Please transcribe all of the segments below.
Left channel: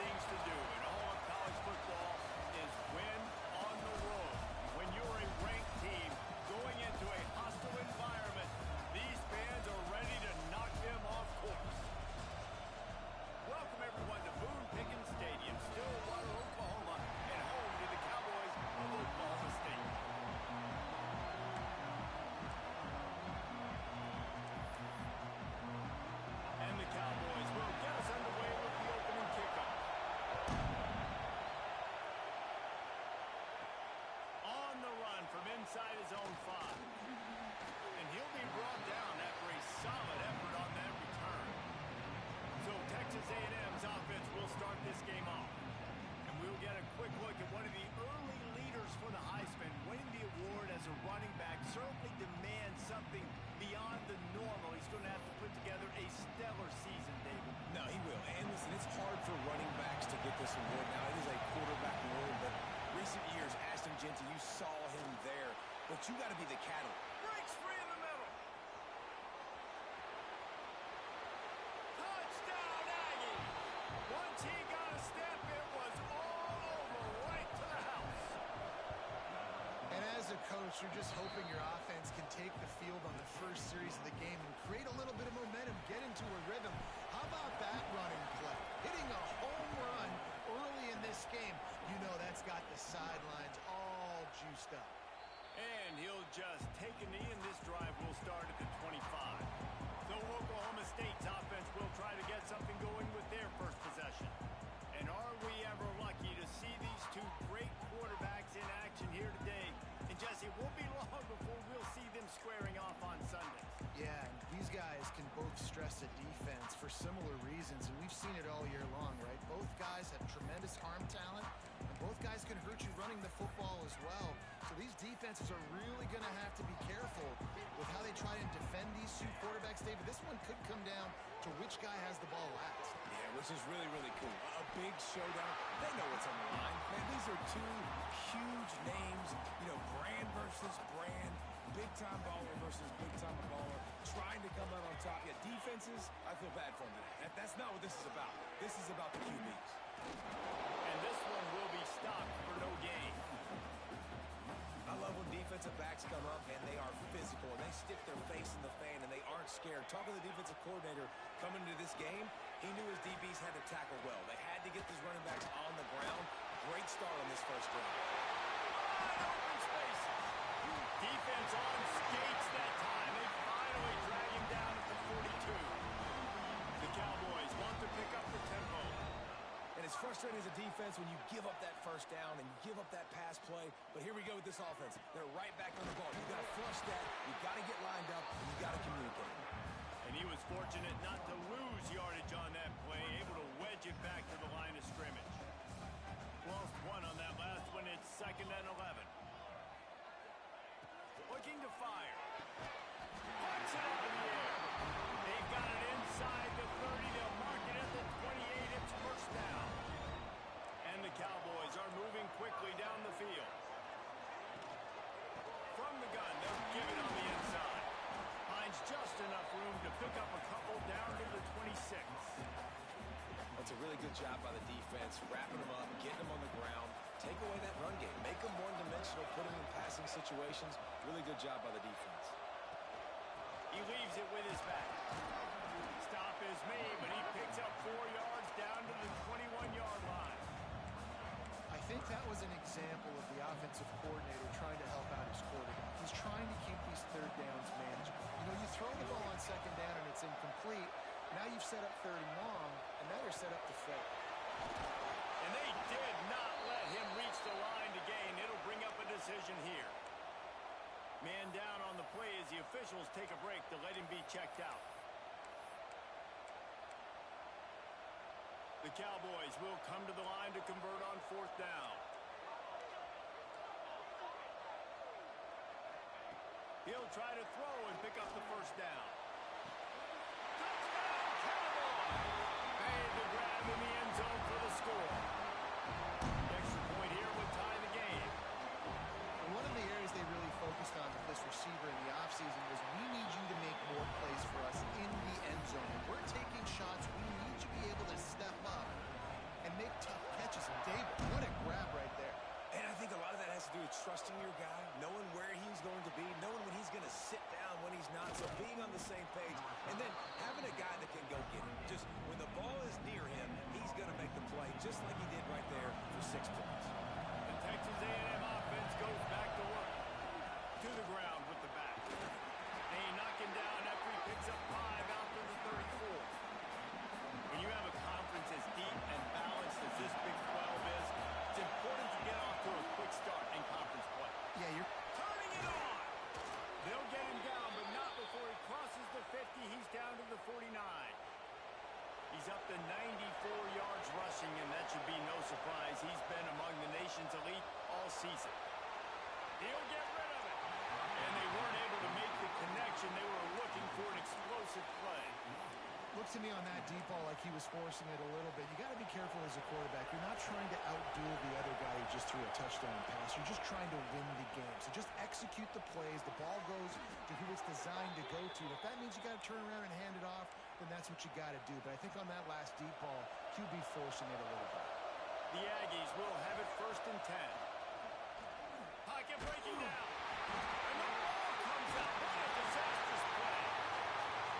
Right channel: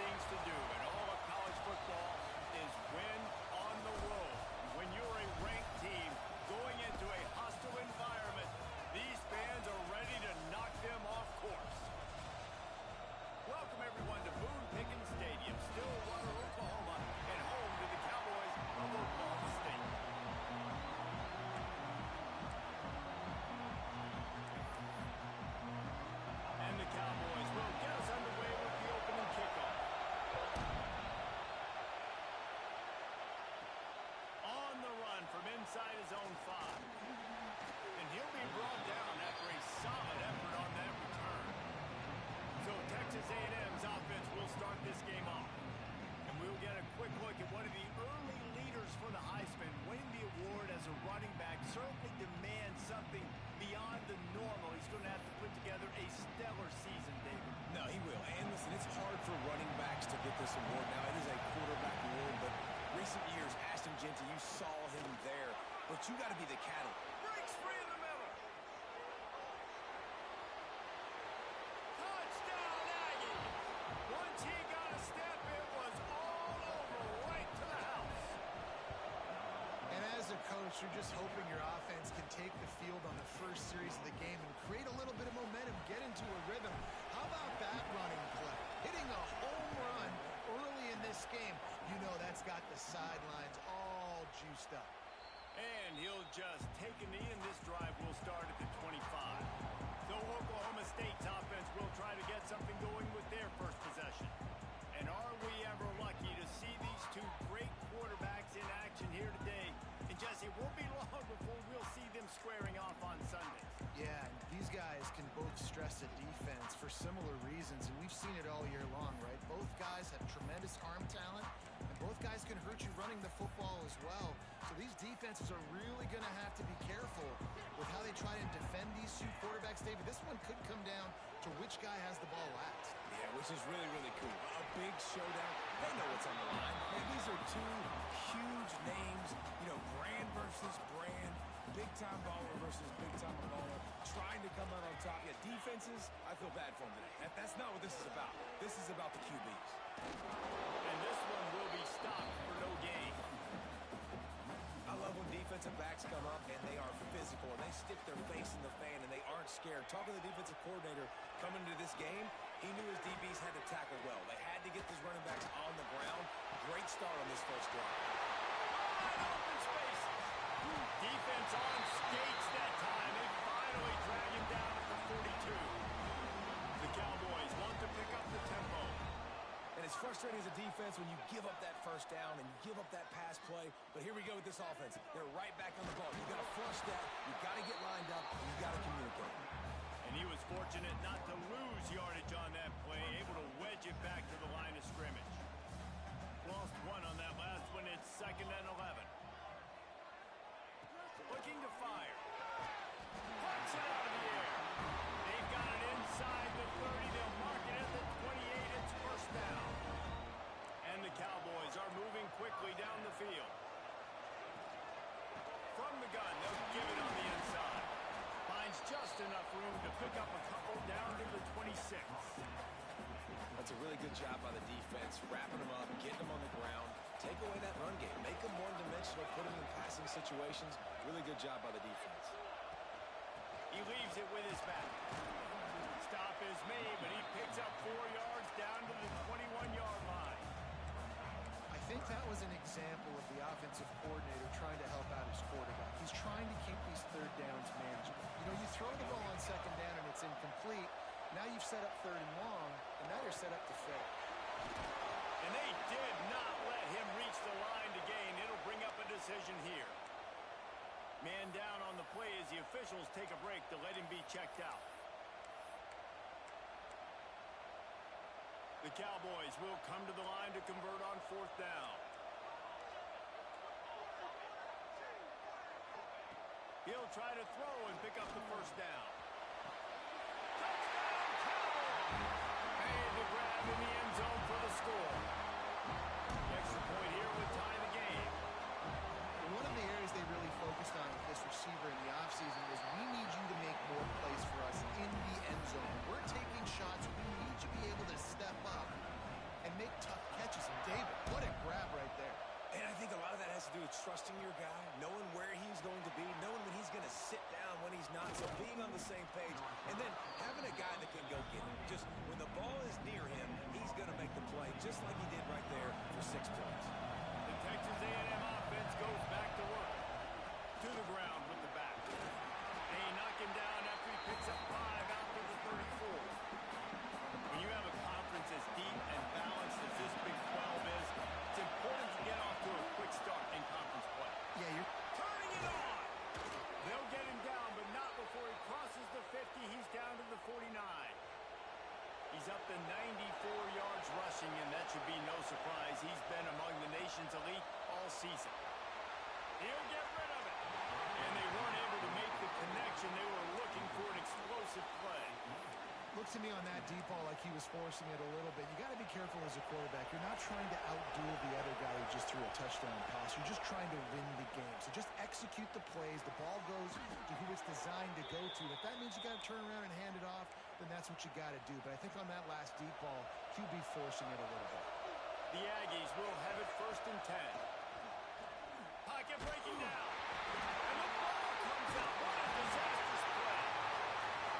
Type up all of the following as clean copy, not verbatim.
things to do in all of college football is win on the road. When you're a ranked team going into a hostile environment, these fans are ready to knock them off course. Welcome, everyone, to Boone Pickens Stadium, Stillwater, Oklahoma, and home to the Cowboys of Oklahoma State. And the Cowboys will get us underway with the opening kickoff. On the run from inside his own 5. And he'll be brought down after a solid effort on that return. So Texas A&M's offense will start this game off. And we'll get a quick look at one of the early leaders for the Heisman. Winning the award as a running back certainly demands something beyond the normal. He's going to have to put together a stellar season, David. No, he will. And listen, it's hard for running backs to get this award. Now, it is a quarterback award, but recent years, Ashton Jeanty, you saw him there. But you got to be the catalyst. Breaks free in the middle. Touchdown, Aggie. Once he got a step, it was all over, right to the house. And as a coach, you're just hoping your offense can take the field on the first series of the game and create a little bit of momentum, get into a rhythm. How about that running play? Hitting a home run early in this game. You know that's got the sidelines all juiced up. And he'll just take a knee, and this drive will start at the 25. So Oklahoma State's offense will try to get something going with their first possession. And are we ever lucky to see these two great quarterbacks in action here today? And Jesse, it won't be long before we'll see them squaring off on Sundays. Yeah, and these guys can both stress a defense for similar reasons, and we've seen it all year long, right? Both guys have tremendous arm talent, and both guys can hurt you running the football as well. So these defenses are really going to have to be careful with how they try and defend these two quarterbacks, David. This one could come down to which guy has the ball last. Yeah, which is really, really cool. A big showdown. They know what's on the line. Man, these are two huge names, you know, brand versus brand, big-time baller versus big-time baller, trying to come out on top. Yeah, defenses, I feel bad for them today. That's not what this is about. This is about the QBs. And this one will be stopped for no gain. I love when defensive backs come up and they are physical and they stick their face in the fan and they aren't scared. Talking to the defensive coordinator coming into this game, he knew his DBs had to tackle well. They had to get these running backs on the ground. Great start on this first drive. Wide open spaces. Defense on skates that time. They finally drag him down at the 42. The Cowboys want to pick up the tempo. And it's frustrating as a defense when you give up that first down and you give up that pass play. But here we go with this offense. They're right back on the ball. You've got to flush that. You've got to get lined up. And you've got to communicate. And he was fortunate not to lose yardage on that play, able to wedge it back to the line of scrimmage. Lost one on that last one. It's 2nd and 11. Looking to fire. Punts it out of the air. They've got it inside the 30. They'll mark it at the 28. It's first down. And the Cowboys are moving quickly down the field. From the gun, they'll give it on the inside. Finds just enough room to pick up a couple down to the 26. That's a really good job by the defense, wrapping them up, getting them on the ground, take away that run game, make them one-dimensional, put them in passing situations. Really good job by the defense. He leaves it with his back. Stop is made, but he picks up 4 yards down to the 21-yard line. I think that was an example of the offensive coordinator trying to help out his quarterback. He's trying to keep these third downs manageable. You know, you throw the ball on 2nd down and it's incomplete. Now you've set up 3rd and long, and now you're set up to fail. And they did not let him reach the line to gain. It'll bring up a decision here. Man down on the play as the officials take a break to let him be checked out. The Cowboys will come to the line to convert on 4th down. He'll try to throw and pick up the first down. Touchdown, Cowboys! Made the grab in the end zone for the score. The extra point here would tie the game. One of the areas they really focused on with this receiver in the offseason was we need you to make more plays for us in the end zone. We're taking shots. We need you to be able to step up and make make tough catches. And David, what a grab right there. And I think a lot of that has to do with trusting your guy, knowing where he's going to be, knowing when he's going to sit down, when he's not, so being on the same page, and then having a guy that can go get it. Just when the ball is near him, he's going to make the play, just like he did right there for 6 points. The Texas A&M offense goes back to work. To the ground with the back. They knock him down after he picks up 5 out to the 34. When you have a conference as deep and balanced as this Big 12 is, it's important to get off to a quick start in conference play. Yeah, you're Turning it on! They'll get him down, but not before he crosses the 50. He's down to the 49. He's up to 94 yards rushing, and that should be no surprise. He's been among the nation's elite all season. He'll get rid of it. And they weren't able to make the connection. They were looking for an explosive play. Looks to me on that deep ball like he was forcing it a little bit. You got to be careful as a quarterback. You're not trying to outduel the other guy who just threw a touchdown pass. You're just trying to win the game. So just execute the plays. The ball goes to who it's designed to go to. If that means you got to turn around and hand it off, then that's what you got to do. But I think on that last deep ball, QB forcing it a little bit. The Aggies will have it 1st and 10. Pocket breaking down. And the ball comes out. What a disastrous play.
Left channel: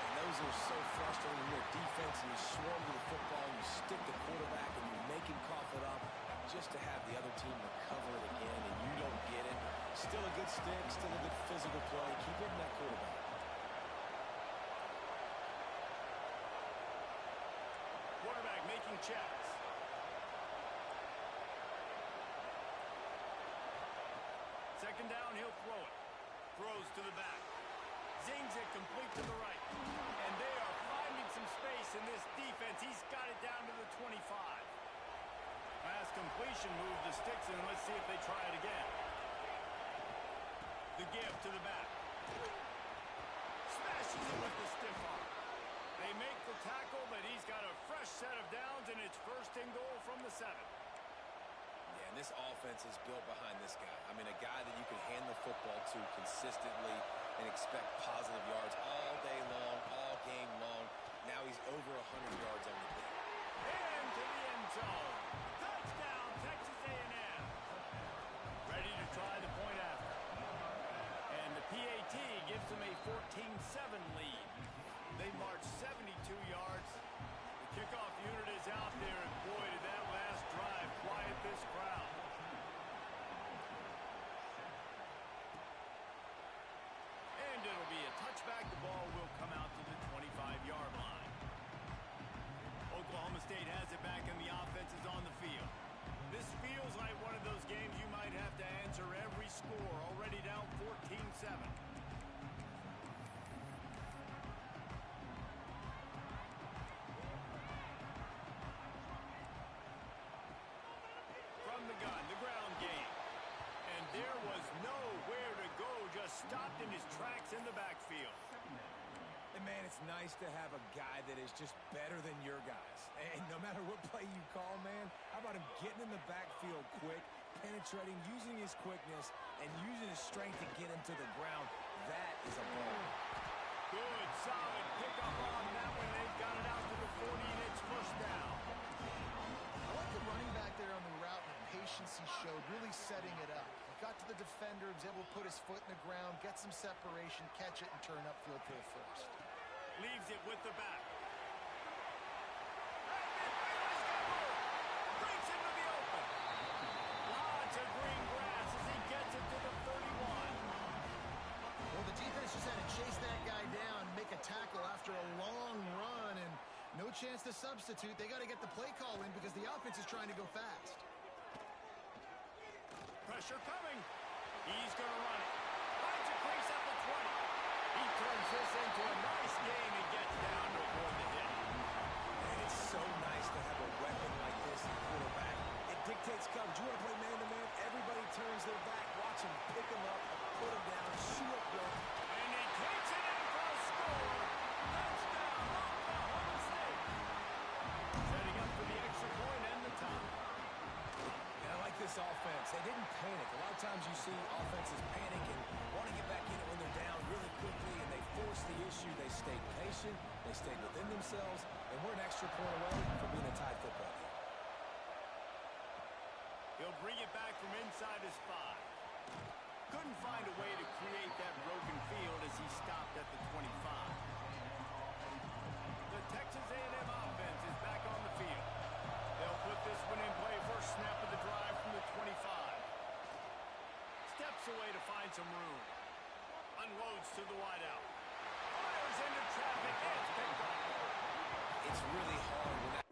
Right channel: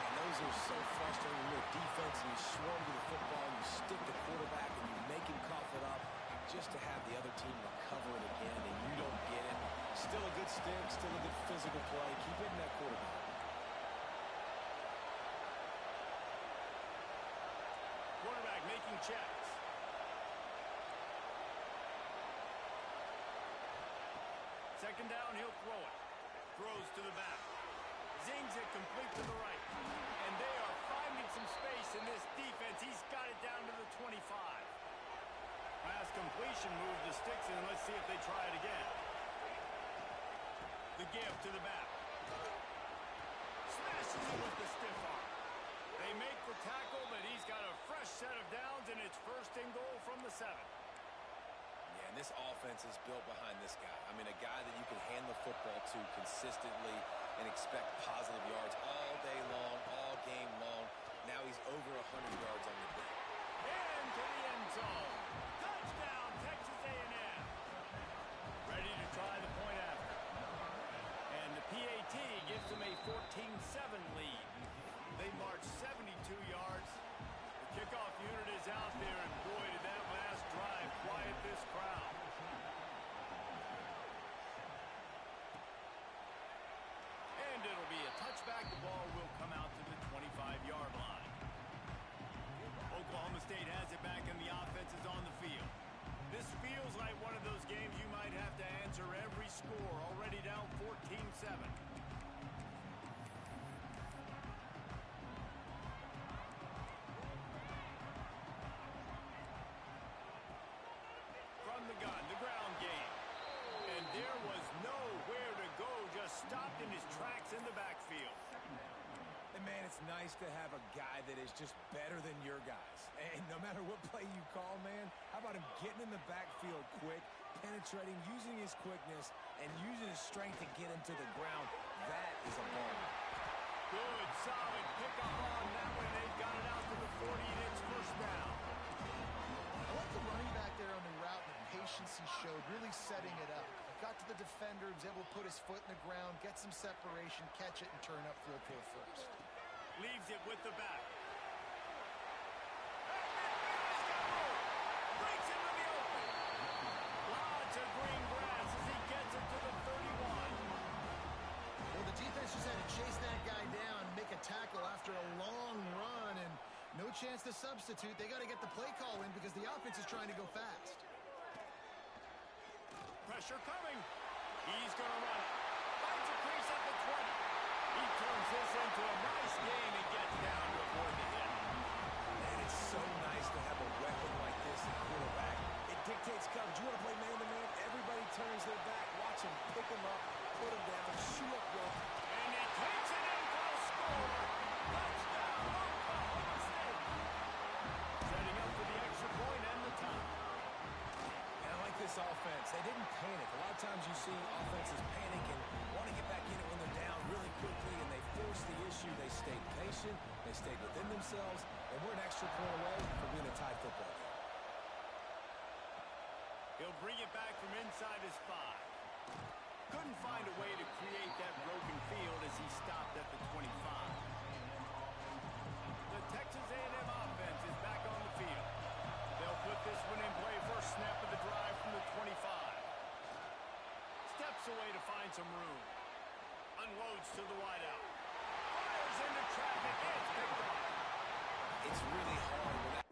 And those are so frustrating when you're a defense and you swarm to the football, you stick the quarterback and you make him cough it up just to have the other team recover it again and you don't get it. Still a good stick, still a good physical play. Keep hitting that quarterback. Quarterback making checks. Second down, he'll throw it. Throws to the back. Zings it complete to the right. And they are finding some space in this defense. He's got it down to the 25. Pass completion, move the sticks in. Let's see if they try it again. The give to the back. Smashes it with the stiff arm. They make the tackle, but he's got a fresh set of downs, and it's 1st and goal from the 7. Yeah, and this offense is built behind this guy. I mean, a guy that you can hand the football to consistently and expect positive yards all day long, all game long. Now he's over 100 yards on the day. Into the end zone. Touchdown, Texas A&M. Ready to try the point after. And the PAT gives them a 14-7 lead. They march 72 yards. The kickoff unit is out there, and boy, did that last drive quiet this crowd. And it'll be a touchback. The ball will come out to the 25-yard line. Oklahoma State has it back, and the offense is on the field. This feels like one of those games you might have to answer every score. Already down 14-7. From the gun, the ground game. And there was nowhere to go, just stopped in his tracks in the backfield. And, man, it's nice to have a guy that is just better than your guys. And no matter what play you call, man, how about him getting in the backfield quick, penetrating, using his quickness, and using his strength to get him to the ground? That is a ball. Good, solid pickup on that one. They've got it out to the 40, and it's 1st down. I like the running back there on the route and the patience he showed, really setting it up. Got to the defender, was able to put his foot in the ground, get some separation, catch it, and turn upfield for the 1st. Leaves it with the back. And he's got room. Breaks into the open. Lots of green grass as he gets it to the 31. Well, the defense just had to chase that guy down and make a tackle after a long run, and no chance to substitute. They got to get the play call in because the offense is trying to go fast. Pressure coming. He's going to run it. Finds a crease at the 20. He turns this into a nice game and gets down to avoid the hit. And it's so nice to have a weapon like this at quarterback. It dictates coverage. You want to play man-to-man? Everybody turns their back. Watch him pick him up, put him down, shoot up one. And he takes it in for a score. Touchdown, Oklahoma State. Setting up for the extra point and the time. And I like this offense. They didn't panic. A lot of times you see offenses panic and want to get back in it when they're down really quickly, and they force the issue. They stayed patient. They stayed within themselves, and we're an extra point away from being a tied football game. He'll bring it back from inside his 5. Couldn't find a way to create that broken field as he stopped at the 25. The Texas A&M offense is back on the field. They'll put this one in play first snap of the drive from the 25. Steps away to find some room. Unloads to the wideout. Fires into traffic. It's picked off. It's really hard when that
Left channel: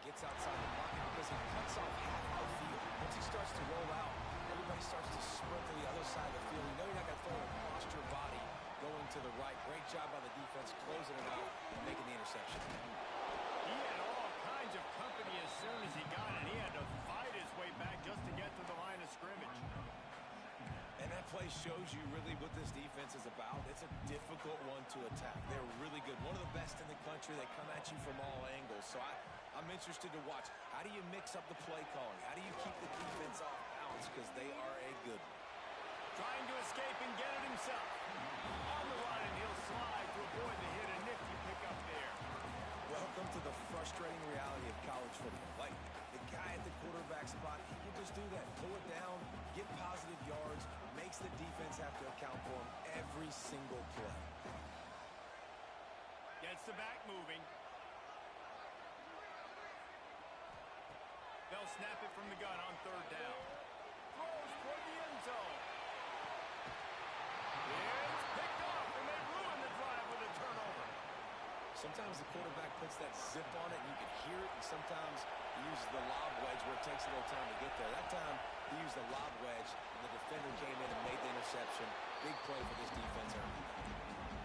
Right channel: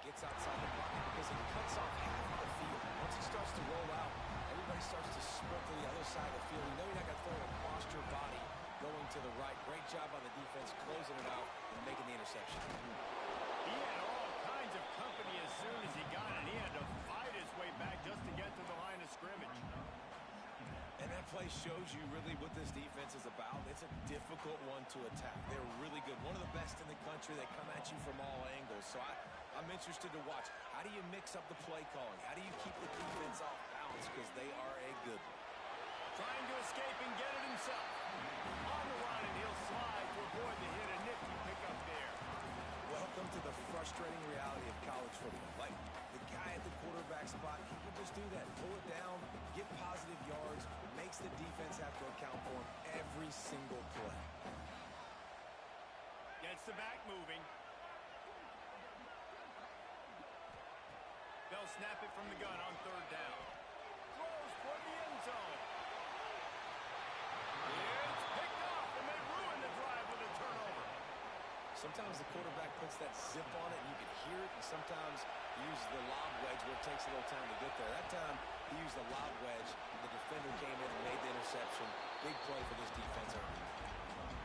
gets outside the pocket because it cuts off half of the field. Once he starts to roll out, everybody starts to sprint to the other side of the field. You know you're not going to throw it across your body going to the right. Great job by the defense closing it out and making the interception. He had all kinds of company as soon as he got it. He had to fight his way back just to get to the line of scrimmage. And that play shows you really what this defense is about. It's a difficult one to attack. They're really good. One of the best in the country. They come at you from all angles. So I'm interested to watch. How do you mix up the play calling? How do you keep the defense off balance? Because they are a good one. Trying to escape and get it himself. On the run, and he'll slide to avoid the hit. A nifty pickup there. Welcome to the frustrating reality of college football. Like, the guy at the quarterback spot, he can just do that. Pull it down, get positive yards, makes the defense have to account for him every single play. Gets the back moving. They'll snap it from the gun on 3rd down. Throws toward the end zone. It's picked off, and they ruin the drive with a turnover. Sometimes the quarterback puts that zip on it, and you can hear it, and sometimes he uses the lob wedge where it takes a little time to get there. That time, he used the lob wedge, and the defender came in and made the interception. Big play for this defense early.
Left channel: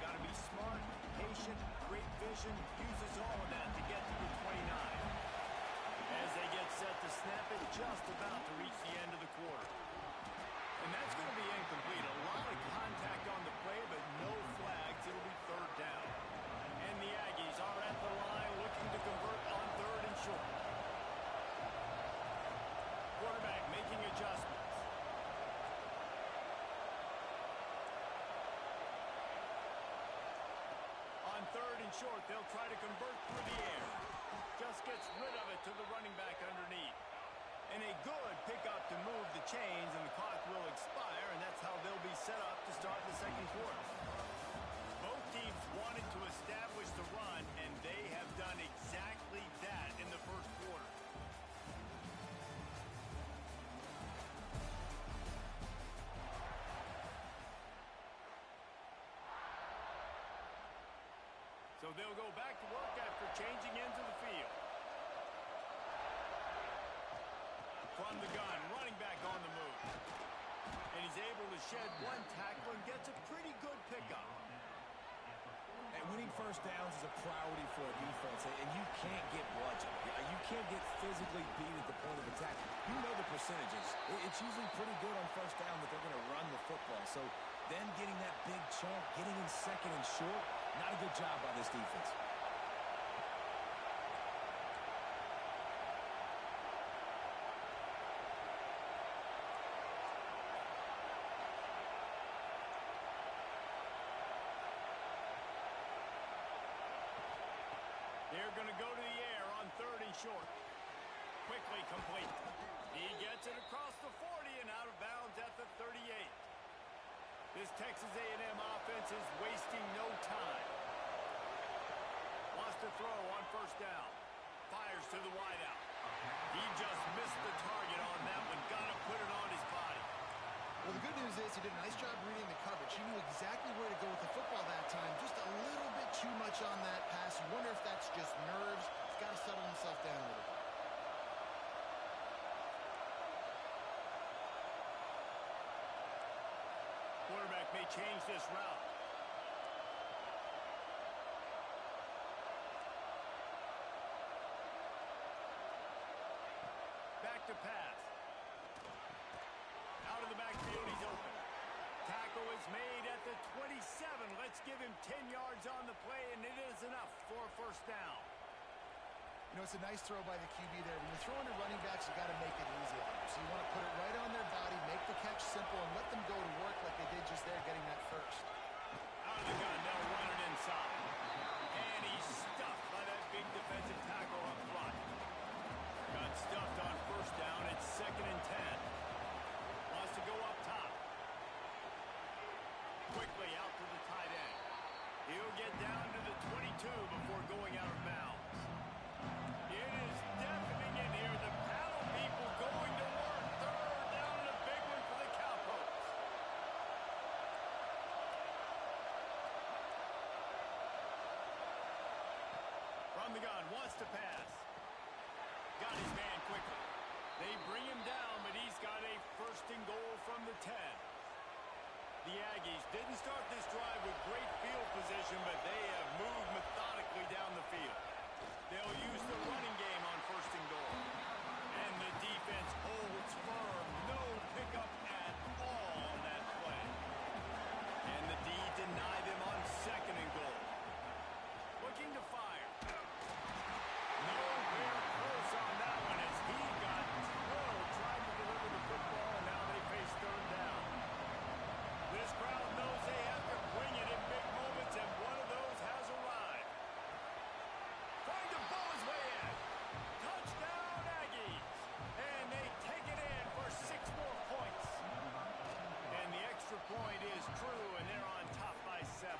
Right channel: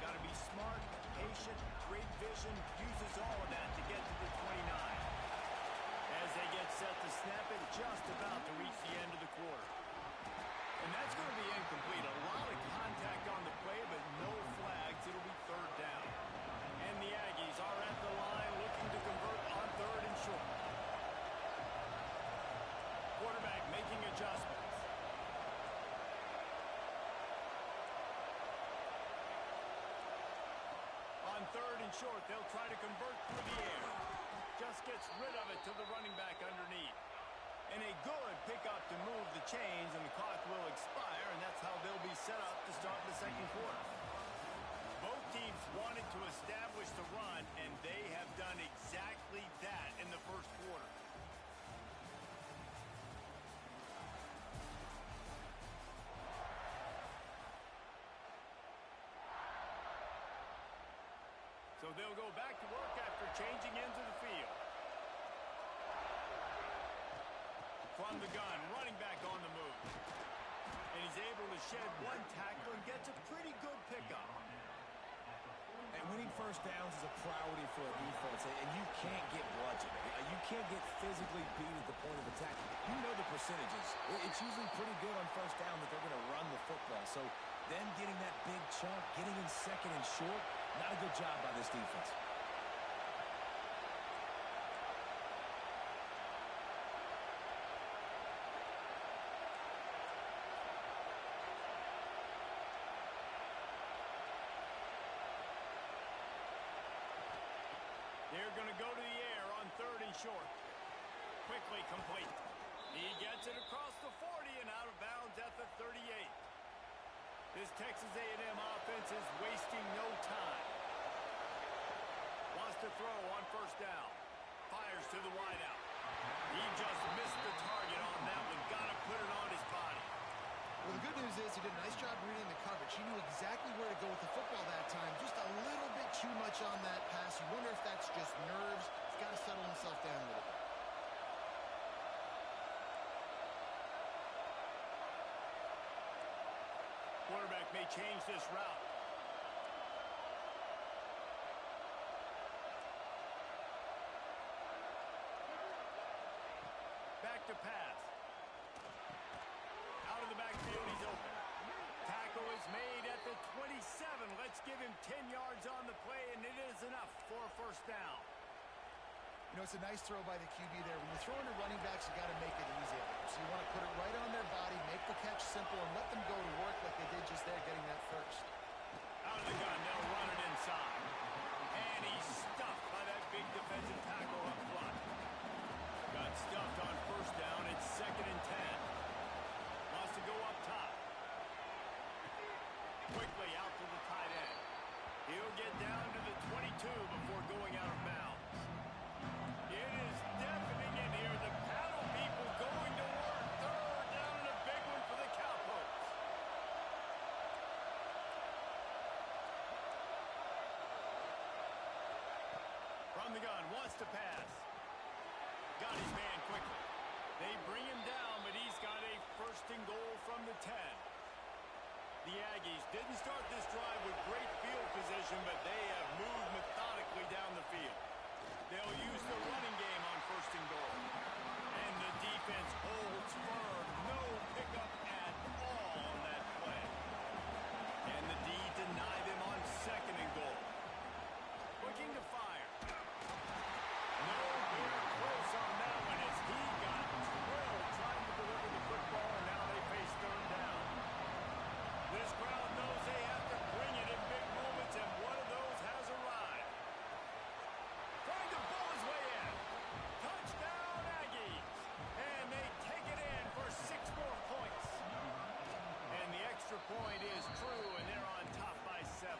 Got to be smart, patient, great vision, uses all of that to get to the 29. As they get set to snap it, just about to reach the end of the quarter. And that's going to be incomplete. A lot of contact on the play, but no flags. It'll be 3rd down. And the Aggies are at the line looking to convert on 3rd and short. Quarterback making adjustments. On 3rd and short, they'll try to convert through the air. Just gets rid of it to the running back underneath. And a good pickup to move the chains, and the clock will expire, and that's how they'll be set up to start the 2nd quarter. Both teams wanted to establish the run, and they have done exactly that in the 1st quarter. So they'll go back to work after changing into the field. From the gun, running back on the move. And he's able to shed one tackle and gets a pretty good pickup. And winning 1st downs is a priority for a defense, and you can't get bludgeoned. You can't get physically beat at the point of attack. You know the percentages. It's usually pretty good on 1st down that they're going to run the football. So them getting that big chunk, getting in 2nd and short, not a good job by this defense. They're going to go to the air on 3rd and short. Quickly complete. He gets it across the 40 and out of bounds at the 38. This Texas A&M offense is wasting no time. Wants to throw on 1st down. Fires to the wideout. He just missed the target on that one. Got to put it on his body. Well, the good news is he did a nice job reading the coverage. He knew exactly where to go with the football that time. Just a little bit too much on that pass. You wonder if that's just nerves. He's got to settle himself down a little bit. Quarterback may change this route. Back to pass. Out of the backfield, he's open. Tackle is made at the 27. Let's give him 10 yards on the play, and it is enough for a 1st down. You know, it's a nice throw by the QB there. When you're throwing to running backs, you got to make it easy on them. So you want to put it right on their body, make the catch simple, and let them go to work like they did just there, getting that 1st. Out of the gun, they'll run it inside. And he's stuffed by that big defensive tackle up front. Got stuffed first down. It's 2nd and 10. Wants to go up top. Quickly out to the tight end. He'll get down to the 22 before going out of bounds. It is deafening in here. The paddle people going to work. 3rd down and a big one for the Cowpokes. From the gun, wants to pass. Got his man quickly. They bring him down, but he's got a 1st and goal from the 10. The Aggies didn't start this drive with great field position, but they have moved methodically down the field. They'll use the running game on 1st and goal. And the defense holds firm. No pickup at all on that play. And the D deny them on 2nd and goal. Looking to fire. Nowhere close on that one as he got drilled trying to deliver the football, and now they face 3rd down. This crowd knows they have to bring it in big moments, and one of those has arrived. Trying to bull his way in. Touchdown, Aggies. And they take it in for 6 more points. And the extra point is true, and they're on top by 7.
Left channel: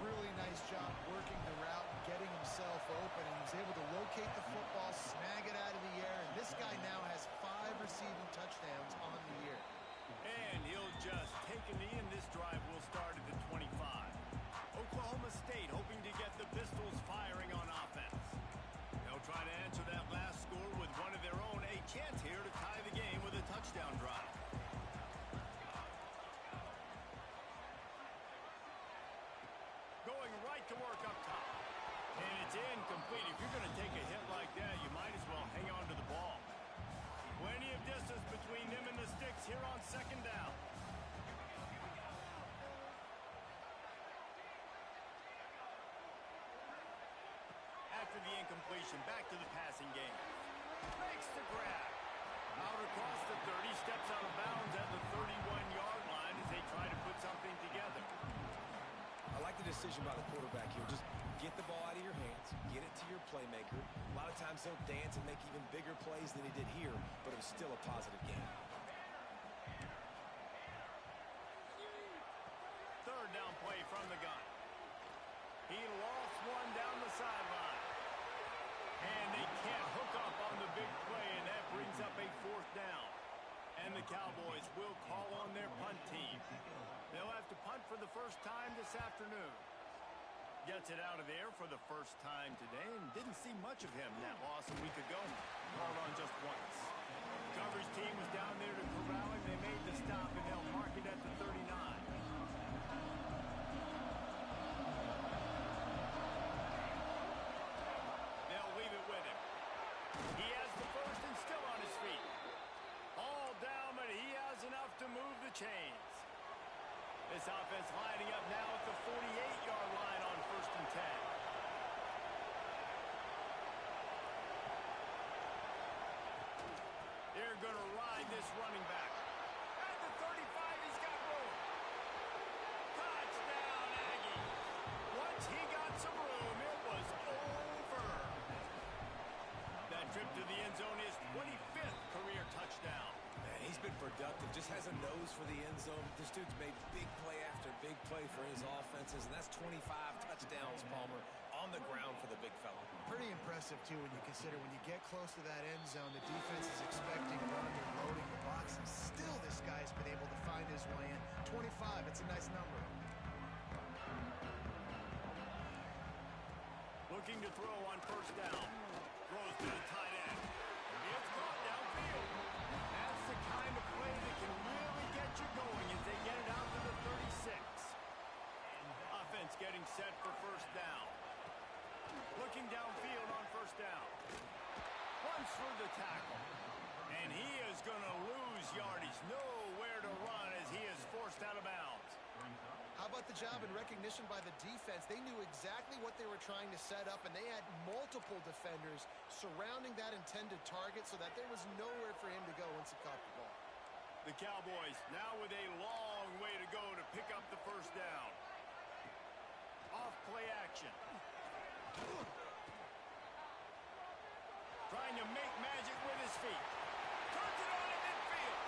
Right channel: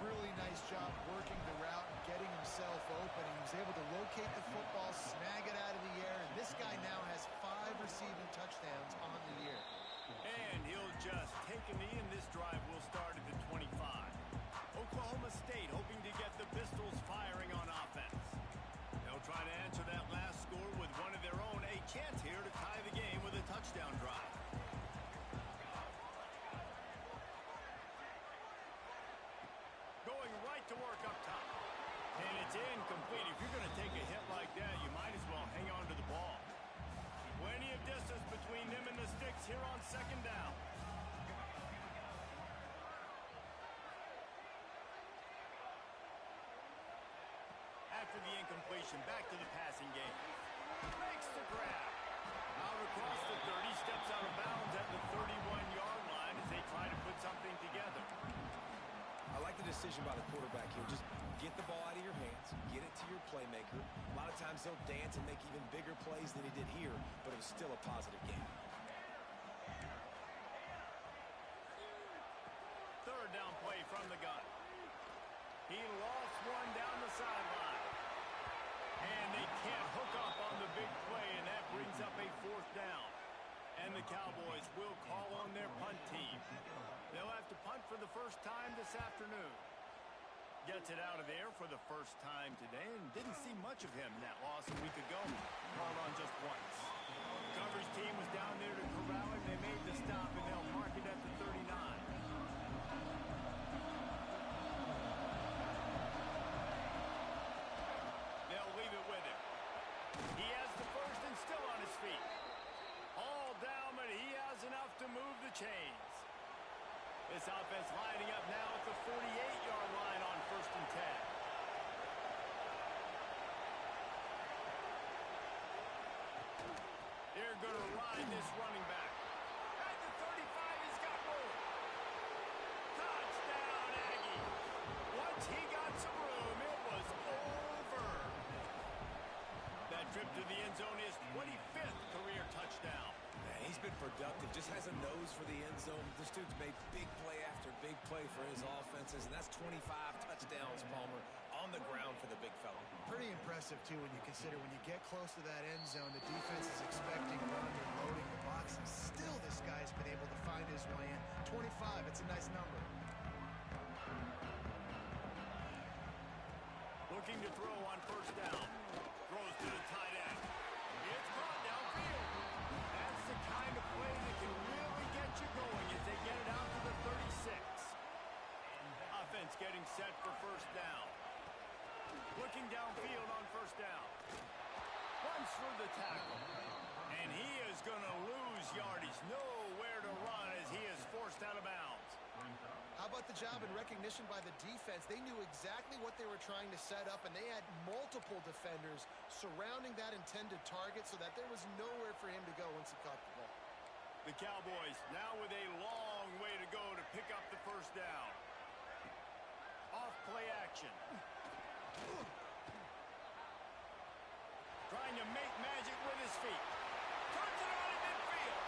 Really nice job working the route and getting himself open. He was able to locate the football, snag it out of the air, and this guy now has 5 receiving touchdowns on the year. And he'll just take a knee, and this drive will start at the 25. Oklahoma State hoping to get the Pistols firing on offense. They'll try to answer that last score with one of their own. A chance here to tie the game with a touchdown drive. Going right to work up top. And it's incomplete. If you're going to take a hit like that, you might as well hang on to the ball. Plenty of distance between them and the sticks here on 2nd down. After the incompletion, back to the passing game. Makes the grab. Out across the 30, steps out of bounds at the 31-yard line as they try to put something together. I like the decision by the quarterback here. Just get the ball out of your hands, get it to your playmaker. A lot of times he'll dance and make even bigger plays than he did here, but it was still a positive game. 3rd down play from the gun. He lost one down the sideline. And they can't hook up on the big play, and that brings up a 4th down. And the Cowboys will call on their punt team. They'll have to punt for the first time this afternoon. Gets it out of there for the first time today and didn't see much of him that loss a week ago. Called on just once. Coverage team was down there to corral him. They made the stop, and they'll mark it at the 39. They'll leave it with him. He has the first and still on his feet. All down, but he has enough to move the chains. This offense lining up now at the 48-yard line on 1st and 10. They're going to ride this running back. At the 35, he's got room. Touchdown, Aggie. Once he got some room, it was over. That trip to the end zone is 25th career touchdown. Man, he's been productive, just has a nose for the end zone. This dude's made big play after big play for his offenses, and that's 25 touchdowns, Palmer, on the ground for the big fella. Pretty impressive, too, when you consider when you get close to that end zone, the defense is expecting run and loading the box, and still this guy's been able to find his way in. 25, it's a nice number. Looking to throw on 1st down. Throws to the tight end. It's caught downfield. That's the kind of play that can really get you going as they get it out to the 36. Offense getting set for 1st down. Looking downfield on 1st down. Runs through the tackle. And he is going to lose yardage. Nowhere to run as he is forced out of bounds. How about the job and recognition by the defense? They knew exactly what they were trying to set up, and they had multiple defenders surrounding that intended target so that there was nowhere for him to go once he caught the ball. The Cowboys now with a long way to go to pick up the 1st down. Off play action. Trying trying to make magic with his feet. Turns it on in midfield.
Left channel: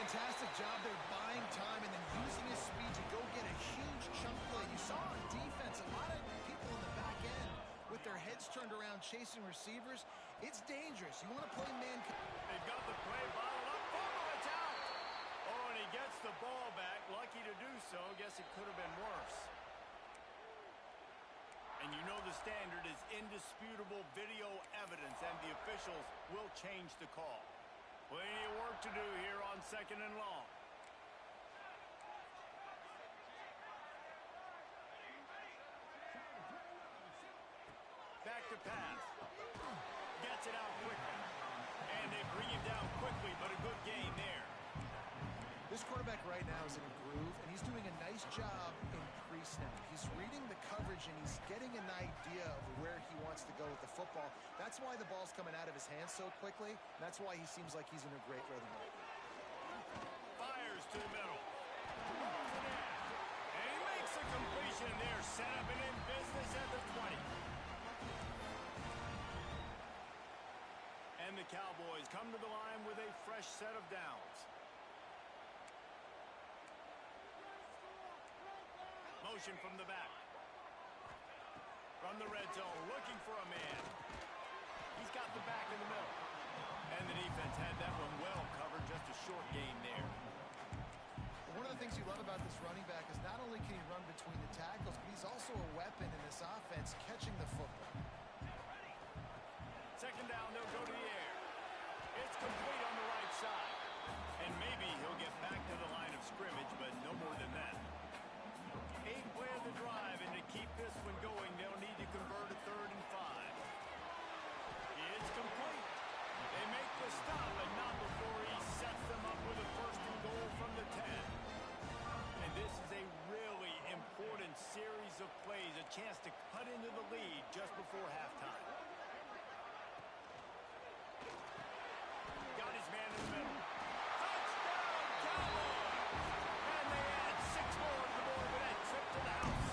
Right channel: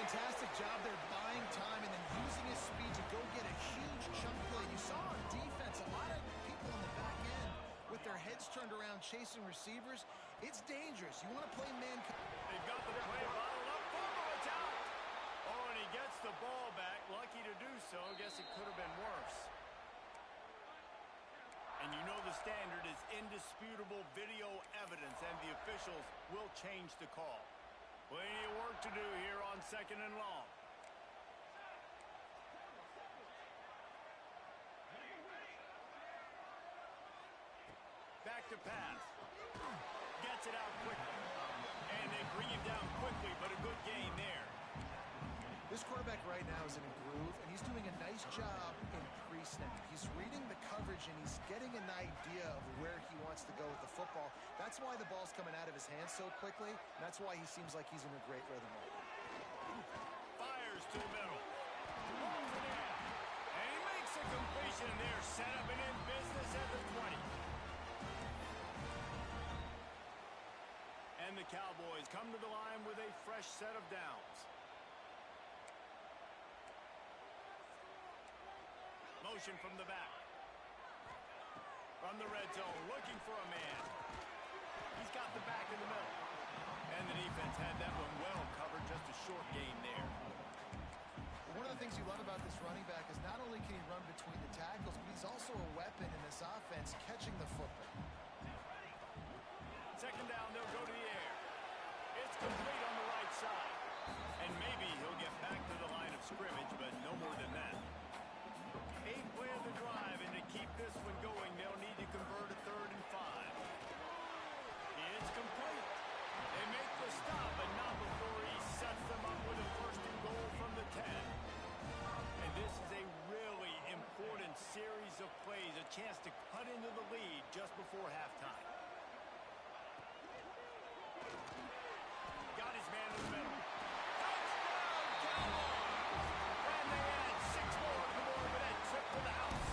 Fantastic job there buying time and then using his speed to go get a huge chunk play. You saw on defense a lot of people in the back end with their heads turned around chasing receivers. It's dangerous. You want to play man. They've got the play bottled up. Fumble, it's out. Oh, and he gets the ball back. Lucky to do so. Guess it could have been worse. And you know the standard is indisputable video evidence, and the officials will change the call. Plenty of work to do here on 2nd and long. Back to pass. Gets it out quickly. And they bring him down quickly, but a good gain there. This quarterback right now is in a groove, and he's doing a nice job in pre-snap. He's reading the coverage, and he's getting an idea of where he wants to go with the football. That's why the ball's coming out of his hands so quickly. And that's why he seems like he's in a great rhythm right now. Fires to the middle. Holds it in. And he makes a completion there. Set up and in business at the 20. And the Cowboys come to the line with a fresh set of downs. Motion from the back. From the red zone, looking for a man. He's got the back in the middle. And the defense had that one well covered. Just a short gain there. One of the things you love about this running back is not only can he run between the tackles, but he's also a weapon in this offense catching the football. 2nd down, they'll go to the air. It's complete on the right side. And maybe he'll get back to the line of scrimmage, but no more than that. 8 play of the drive, and to keep this one going, they'll need to convert a 3rd and 5. It's complete. They make the stop, but not before he sets them up with a 1st and goal from the 10. And this is a really important series of plays, a chance to cut into the lead just before halftime. Got his man in the middle. Touchdown, Cowboys! And they add 6 more to the board with that trip to the house.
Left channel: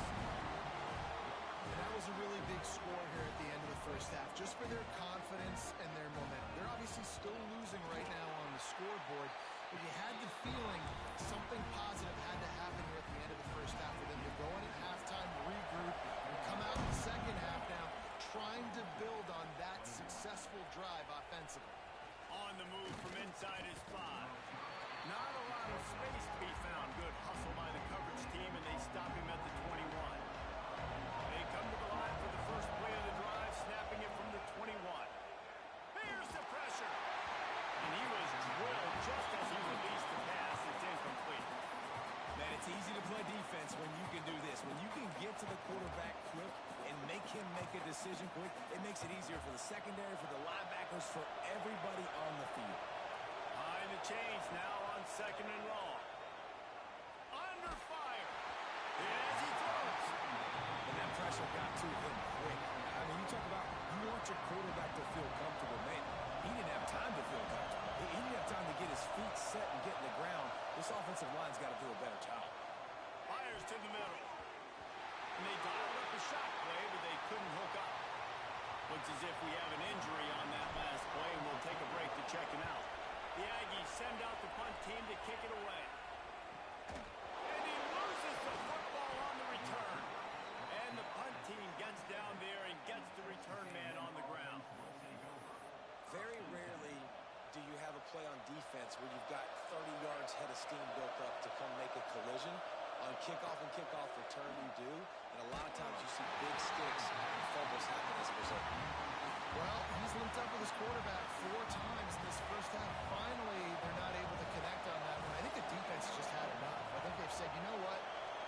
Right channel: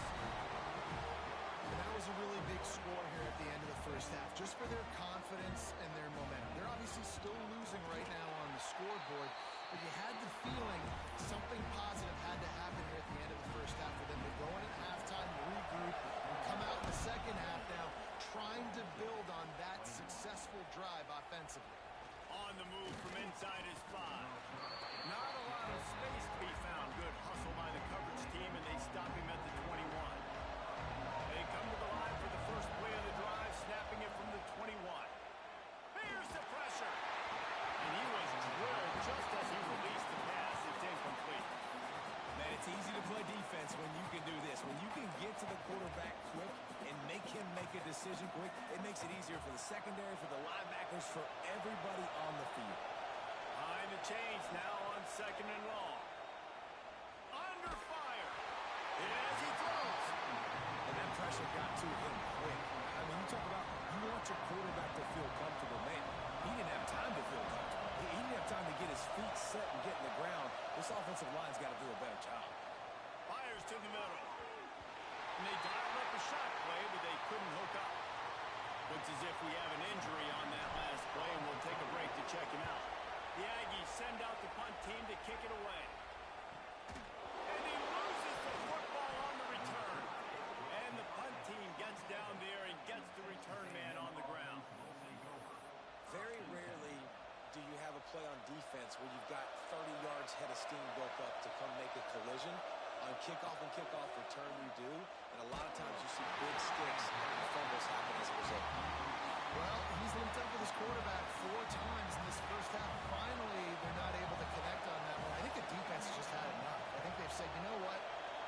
And that was a really big score here at the end of the first half, just for their confidence and their momentum. They're obviously still losing right now on the scoreboard, but you had the feeling something positive had to happen here at the end of the first half for them to go in at halftime, regroup, and come out in the second half now trying to build on that successful drive offensively. On the move from inside his 5. Not a lot of space to be found. Good hustle by the coverage team, and they stop him at the 21. They come to the line for the first play of the drive, snapping it from the 21. Here's the pressure. And he was drilled just as he released the pass. It's incomplete. Man, it's easy to play defense when you can do this. When you can get to the quarterback quick and make him make a decision quick, it makes it easier for the secondary, for the linebackers, for everybody on the field. Behind the chains now on 2nd and long. Under fire. As he throws. And that pressure got to him quick. I mean, you talk about you want your quarterback to feel comfortable. Man, he didn't have time to feel comfortable. He didn't have time to get his feet set and get in the ground. This offensive line's got to do a better job. Fires to the middle. And they dialed up a shot play, but they couldn't hook up. Looks as if we have an injury on that last play, and we'll take a break to check him out. The Aggies send out the punt team to kick it away. And he loses the football on the return. And the punt team gets down there and gets the return man on the ground. Very rarely do you have a play on defense where you've got 30 yards head of steam built up to come make a collision. On kickoff and kickoff return, you do. And a lot of times you see big sticks and fumbles happen as a result. Well, he's linked up with his quarterback 4 times in this first half. Finally, they're not able to connect on that one. I think the defense has just had enough. I think they've said, you know what?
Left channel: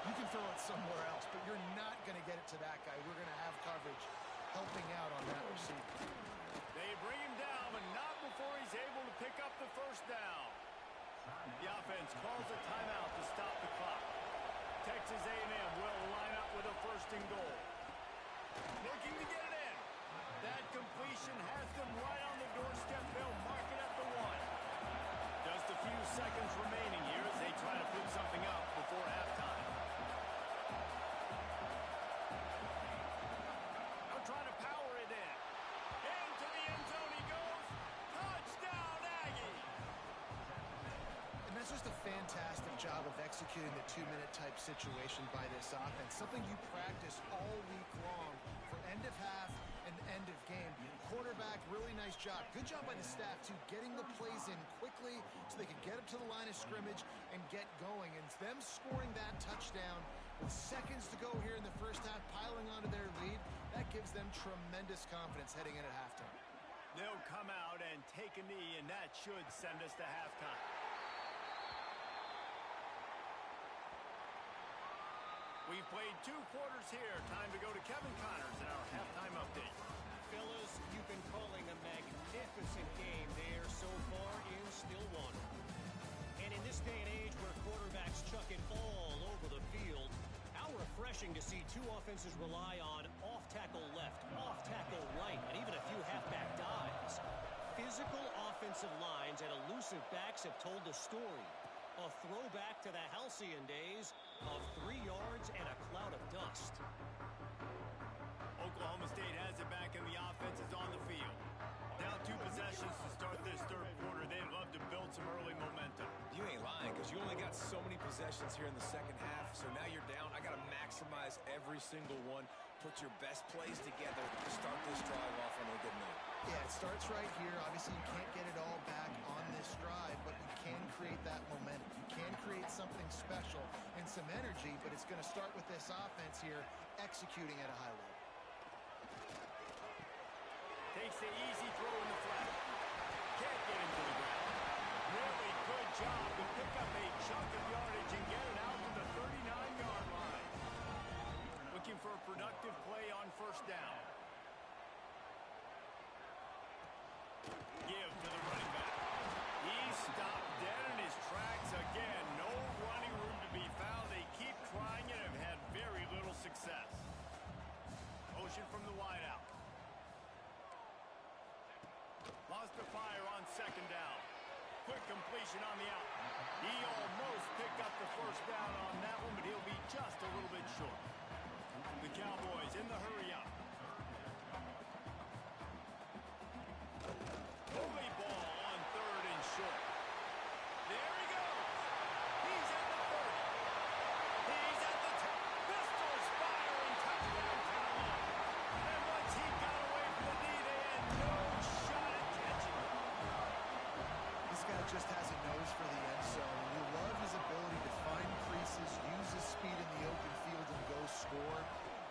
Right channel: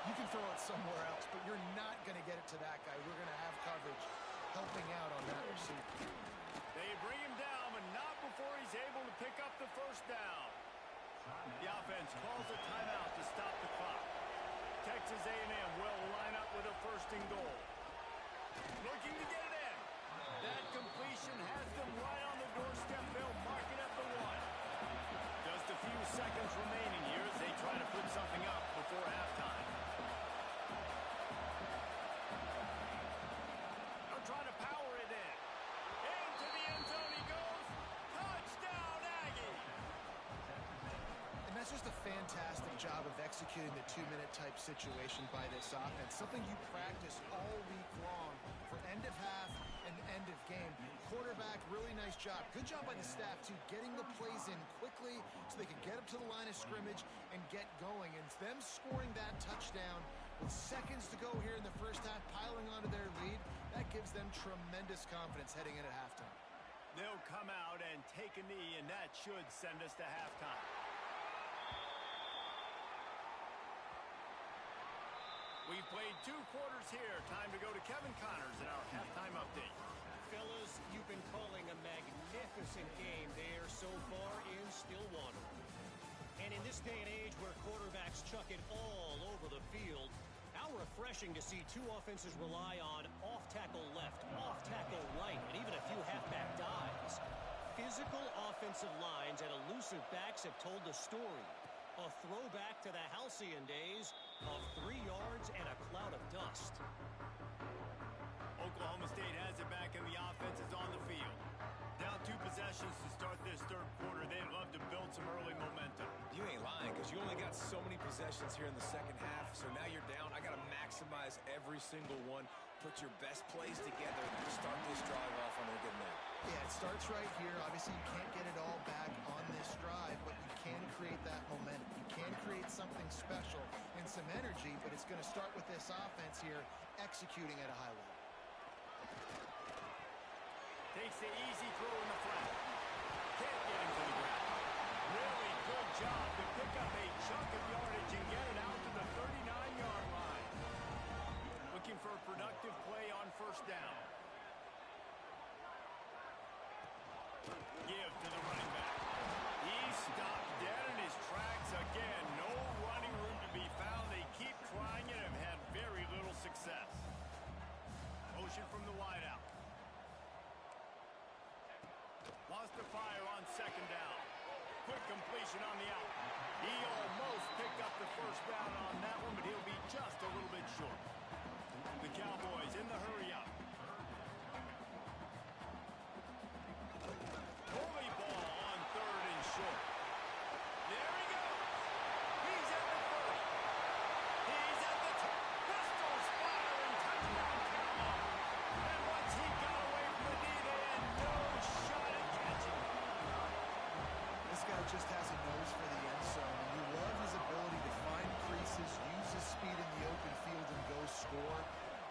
You can throw it somewhere else, but you're not going to get it to that guy. We're going to have coverage helping out on that receiver. They bring him down, but not before he's able to pick up the first down. The offense calls a timeout to stop the clock. Texas A&M will line up with a 1st and goal. Looking to get it in. That completion has them right on the doorstep. They'll mark it at the 1. Just a few seconds remaining here as they try to put something up before halftime. Now trying to power it in. Into the end zone he goes. It's just a fantastic job of executing the 2-minute type situation by this offense, something you practice all week long for end of half and end of game. Quarterback, really nice job. Good job by the staff, too, getting the plays in quickly so they can get up to the line of scrimmage and get going. And them scoring that touchdown with seconds to go here in the first half, piling onto their lead, that gives them tremendous confidence heading in at halftime. They'll come out and take a knee, and that should send us to halftime. We've played 2 quarters here. Time to go to Kevin Connors in our halftime update. Fellas, you've been calling a magnificent game there so far in Stillwater. And in this day and age where quarterbacks chuck it all over the field, how refreshing to see 2 offenses rely on off-tackle left, off-tackle right, and even a few halfback dives. Physical offensive lines and elusive backs have told the story. A throwback to the halcyon days of 3 yards and a cloud of dust. Oklahoma State has it back and the offense is on the field. Down 2 possessions to start this third quarter. They'd love to build some early momentum. You ain't lying, because you only got so many possessions here in the second half. So now you're down. I got to maximize every single one. Put your best plays together to start this drive off on a good note. Yeah, it starts right here. Obviously, you can't get it all back on this drive, but you can create that momentum. You can create something special and some energy, but it's going to start with this offense here executing at a high level. Takes the easy throw in the flat. Can't get him to the ground. Really good job to pick up a chunk of yardage and get it out to the 39-yard line. Looking for a productive play on first down. Give to the running back. He stopped dead in his tracks again. No running room to be found. They keep trying and have had very little success. Motion from the wideout. Lost the fire on second down. Quick completion on the out. He almost picked up the first down on that one, but he'll be just a little bit short. The Cowboys in the hurry up. Holy ball on third and short. There he goes. He's at the 30. He's at the 10. Pistols firing. Touchdown Cowboys. And once he got away from the D, they had no shot at catching him. This guy just has a nose for the end zone, and you love his ability to find creases, use his speed in the open field, and go score.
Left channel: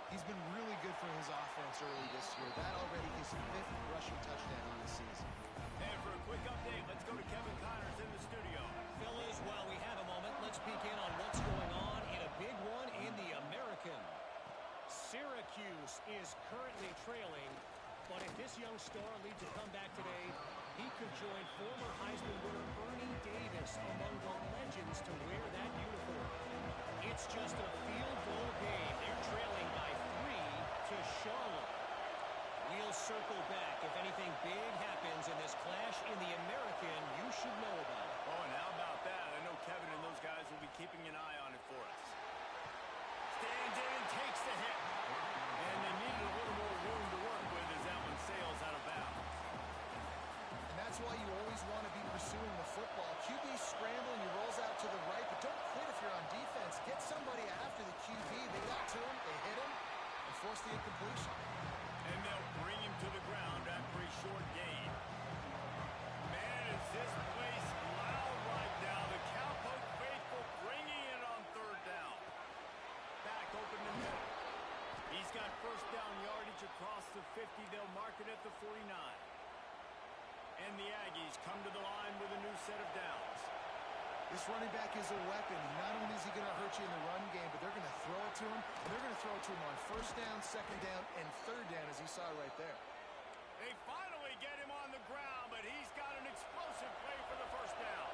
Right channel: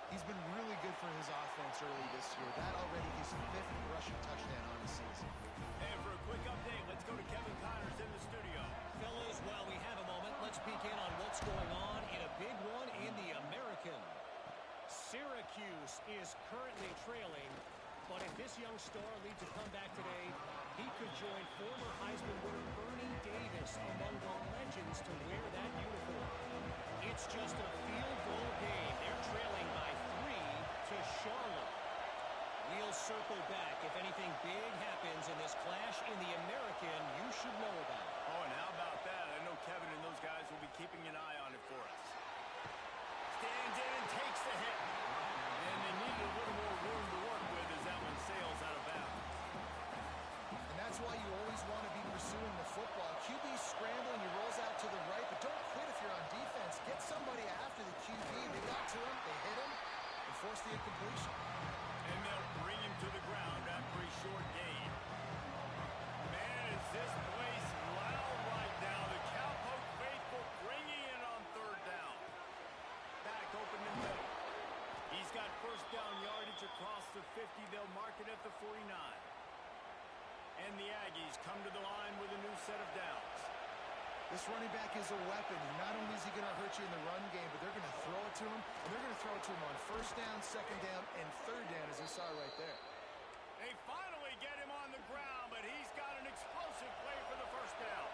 He's been really good for his offense early this year. That already his 5th rushing touchdown on the season. And for a quick update, let's go to Kevin Connors in the studio. Fellas, while we have a moment, let's peek in on what's going on in a big one in the American. Syracuse is currently trailing, but if this young star leads a comeback today, he could join former Heisman winner Ernie Davis among the legends to wear that uniform. It's just a field goal game. They're trailing by 3 to Charlotte. We'll circle back. If anything big happens in this clash in the American, you should know about it. Oh, and how about that? I know Kevin and those guys will be keeping an eye on it for us. Stands in and takes the hit. And they needed a little more room to work with as that one sails out of bounds. And that's why you always want to be pursuing the football. QB's scrambling, he rolls out to the right, but don't quit if you're on defense. Get somebody after the QB. They got to him, they hit him, and forced the incompletion. And they'll bring him to the ground after a short gain. Man, is this place loud right now. The Cowpoke faithful bringing it on third down. Back open in the middle. He's got first down yardage across the 50. They'll mark it at the 49. And the Aggies come to the line with a new set of downs. This running back is a weapon. Not only is he going to hurt you in the run game, but they're going to throw it to him, and they're going to throw it to him on first down, second down, and third down, as you saw right there. They finally get him on the ground, but he's got an explosive play for the first down.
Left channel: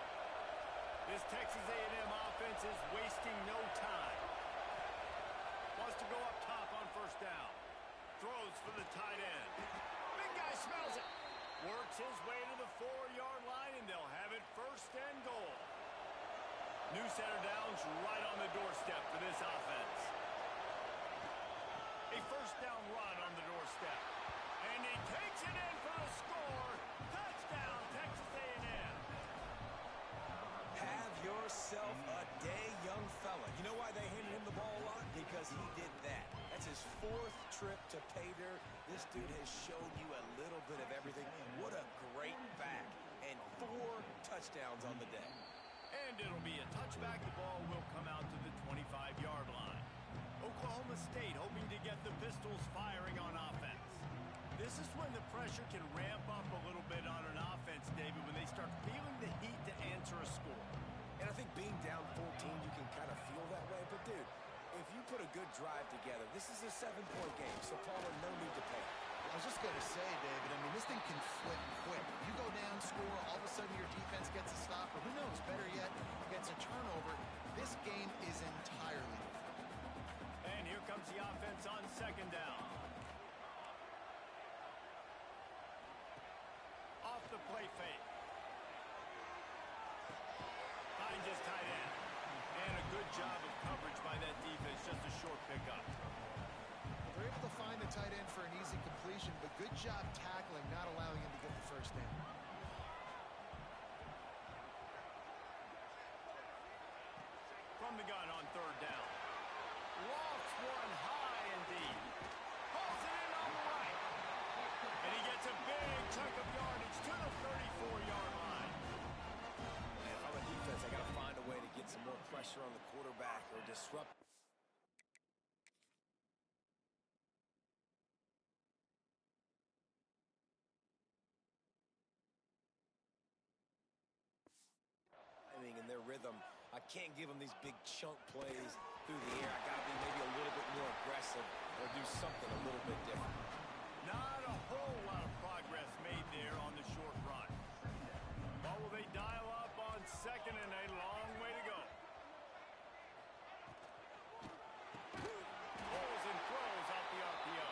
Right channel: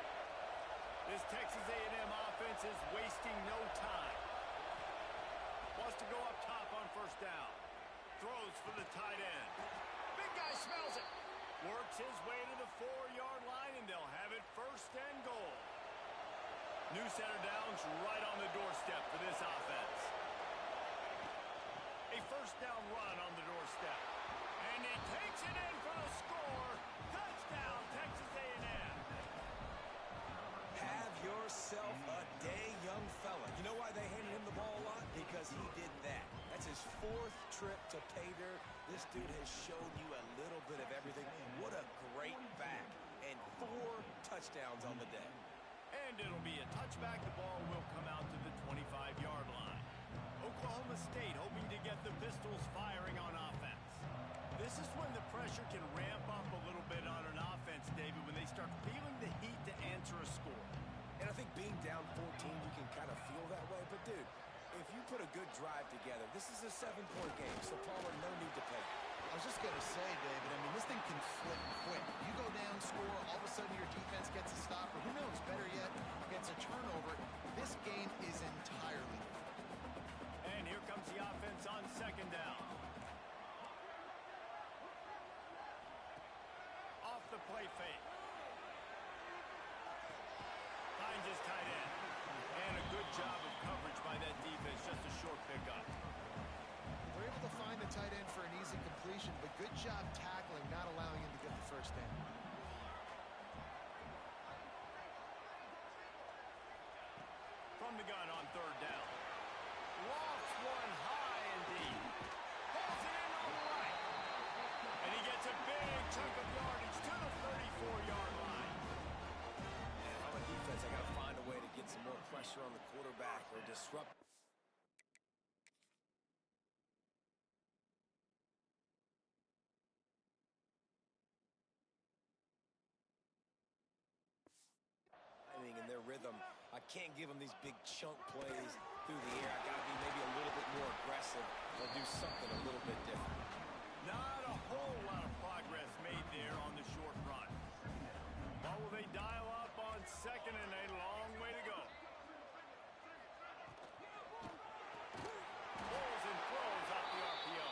This Texas A&M offense is wasting no time. Wants to go up top on first down. Throws for the tight end. Big guy smells it. Works his way to the 4-yard line, and they'll have it first and goal. New set of downs right on the doorstep for this offense. A first down run on the doorstep. And he takes it in for the score. Touchdown, Texas A&M. Have yourself a day, young fella. You know why they handed him the ball a lot? Because he did that. That's his 4th trip to pay dirt. This dude has shown you a little bit of everything. What a great back. And 4 touchdowns on the day. And it'll be a touchback. The ball will come out to the 25-yard line. Oklahoma State hoping to get the Pistols firing on offense. This is when the pressure can ramp up a little bit on an offense, David, when they start feeling the heat to answer a score. And I think being down 14, you can kind of feel that way. But, dude, if you put a good drive together, this is a 7-point game. So, Palmer, no need to pay. I was just going to say, David, I mean, this thing can flip quick. You go down, score, all of a sudden your defense gets a stop, or who knows, better yet, gets a turnover. This game is entirely different. And here comes the offense on 2nd down. Off the play fake. Finds his tight end. And a good job of coverage by that defense, just a short pickup. They're able to find the tight end for an easy completion, but good job tackling, not allowing him to get the first down. From the gun on 3rd down. Lofts one high and deep. Pulls it in on the right. And he gets a big chunk of yardage to the 34-yard line. And if I'm a defense, I got to find a way to get some more pressure on the quarterback or disrupt. In their rhythm, I can't give them these big chunk plays through the air. I got to be maybe a little bit more aggressive or do something a little bit different. Not a whole lot of progress made there on the short run. But will they dial up on 2nd and a long way to go? Pulls and throws out the RPO.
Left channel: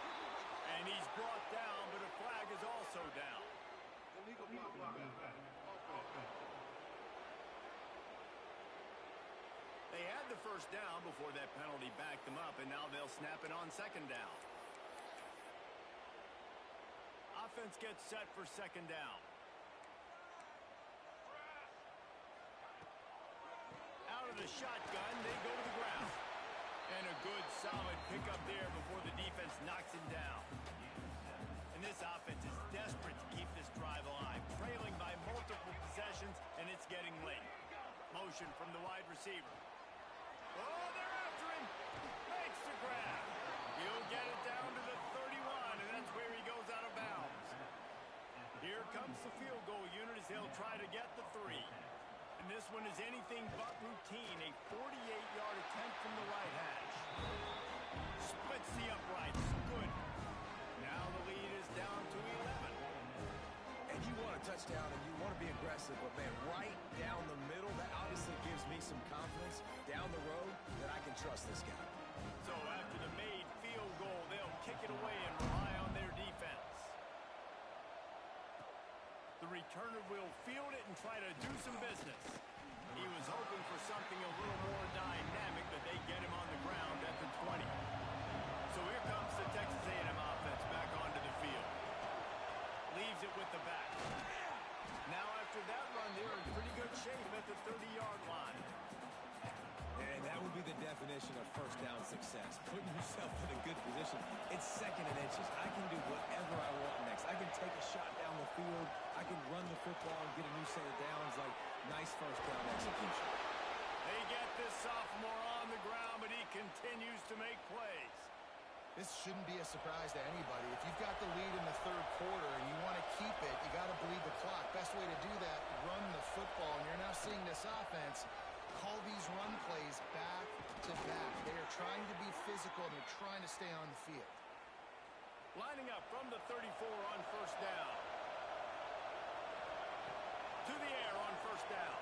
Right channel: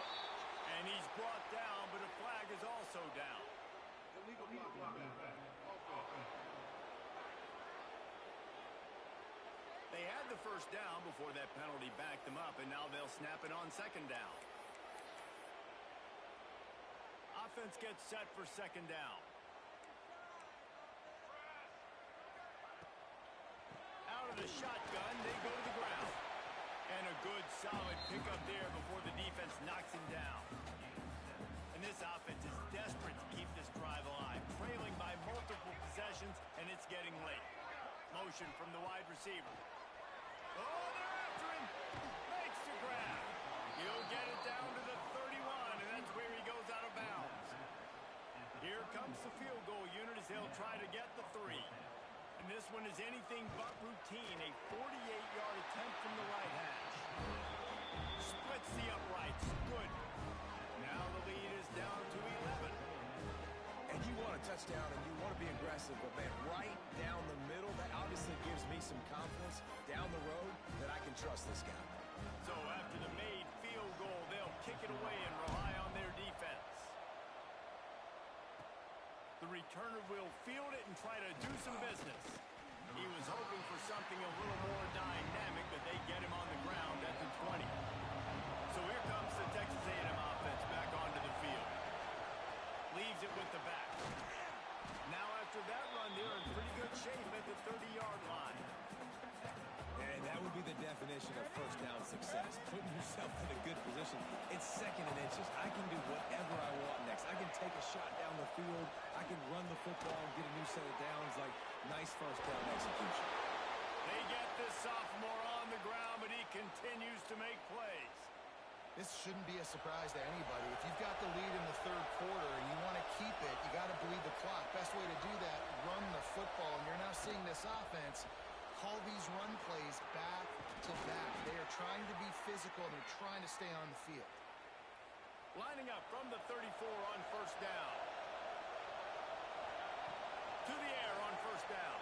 And he's brought down, but a flag is also down. Illegal block. They had the first down before that penalty backed them up, and now they'll snap it on 2nd down. Offense gets set for 2nd down. Out of the shotgun, they go to the ground. And a good, solid pickup there before the defense knocks him down. And this offense is desperate to keep this drive alive, trailing by multiple possessions, and it's getting late. Motion from the wide receiver. Oh, they're after him. Makes the grab. He'll get it down to the 31, and that's where he goes out of bounds. Here comes the field goal unit as they'll try to get the 3. And this one is anything but routine. A 48-yard attempt from the right hash. Splits the uprights. Good. Now the lead is down to 11. And you want a touchdown and you want to be aggressive, but man, right down the middle, that obviously gives me some confidence down the road that I can trust this guy. So after the made field goal, they'll kick it away and rely on their defense. The returner will field it and try to do some business. He was hoping for something a little more dynamic, but they get him on the ground at the 20. So here comes the Texas A&M offense back onto the field. Leaves it with the back. Now after that run, they're in pretty good shape at the 30-yard line. And that would be the definition of first down success. Putting yourself in a good position. It's 2nd and inches. I can do whatever I want next. I can take a shot down the field. I can run the football and get a new set of downs. Like, nice first down execution. They get this sophomore on the ground, but he continues to make plays. This shouldn't be a surprise to anybody. If you've got the lead in the 3rd quarter and you want to keep it, you got to bleed the clock. Best way to do that, run the football. And you're now seeing this offense call these run plays back to back. They are trying to be physical, and they're trying to stay on the field. Lining up from the 34 on first down. To the air on first down.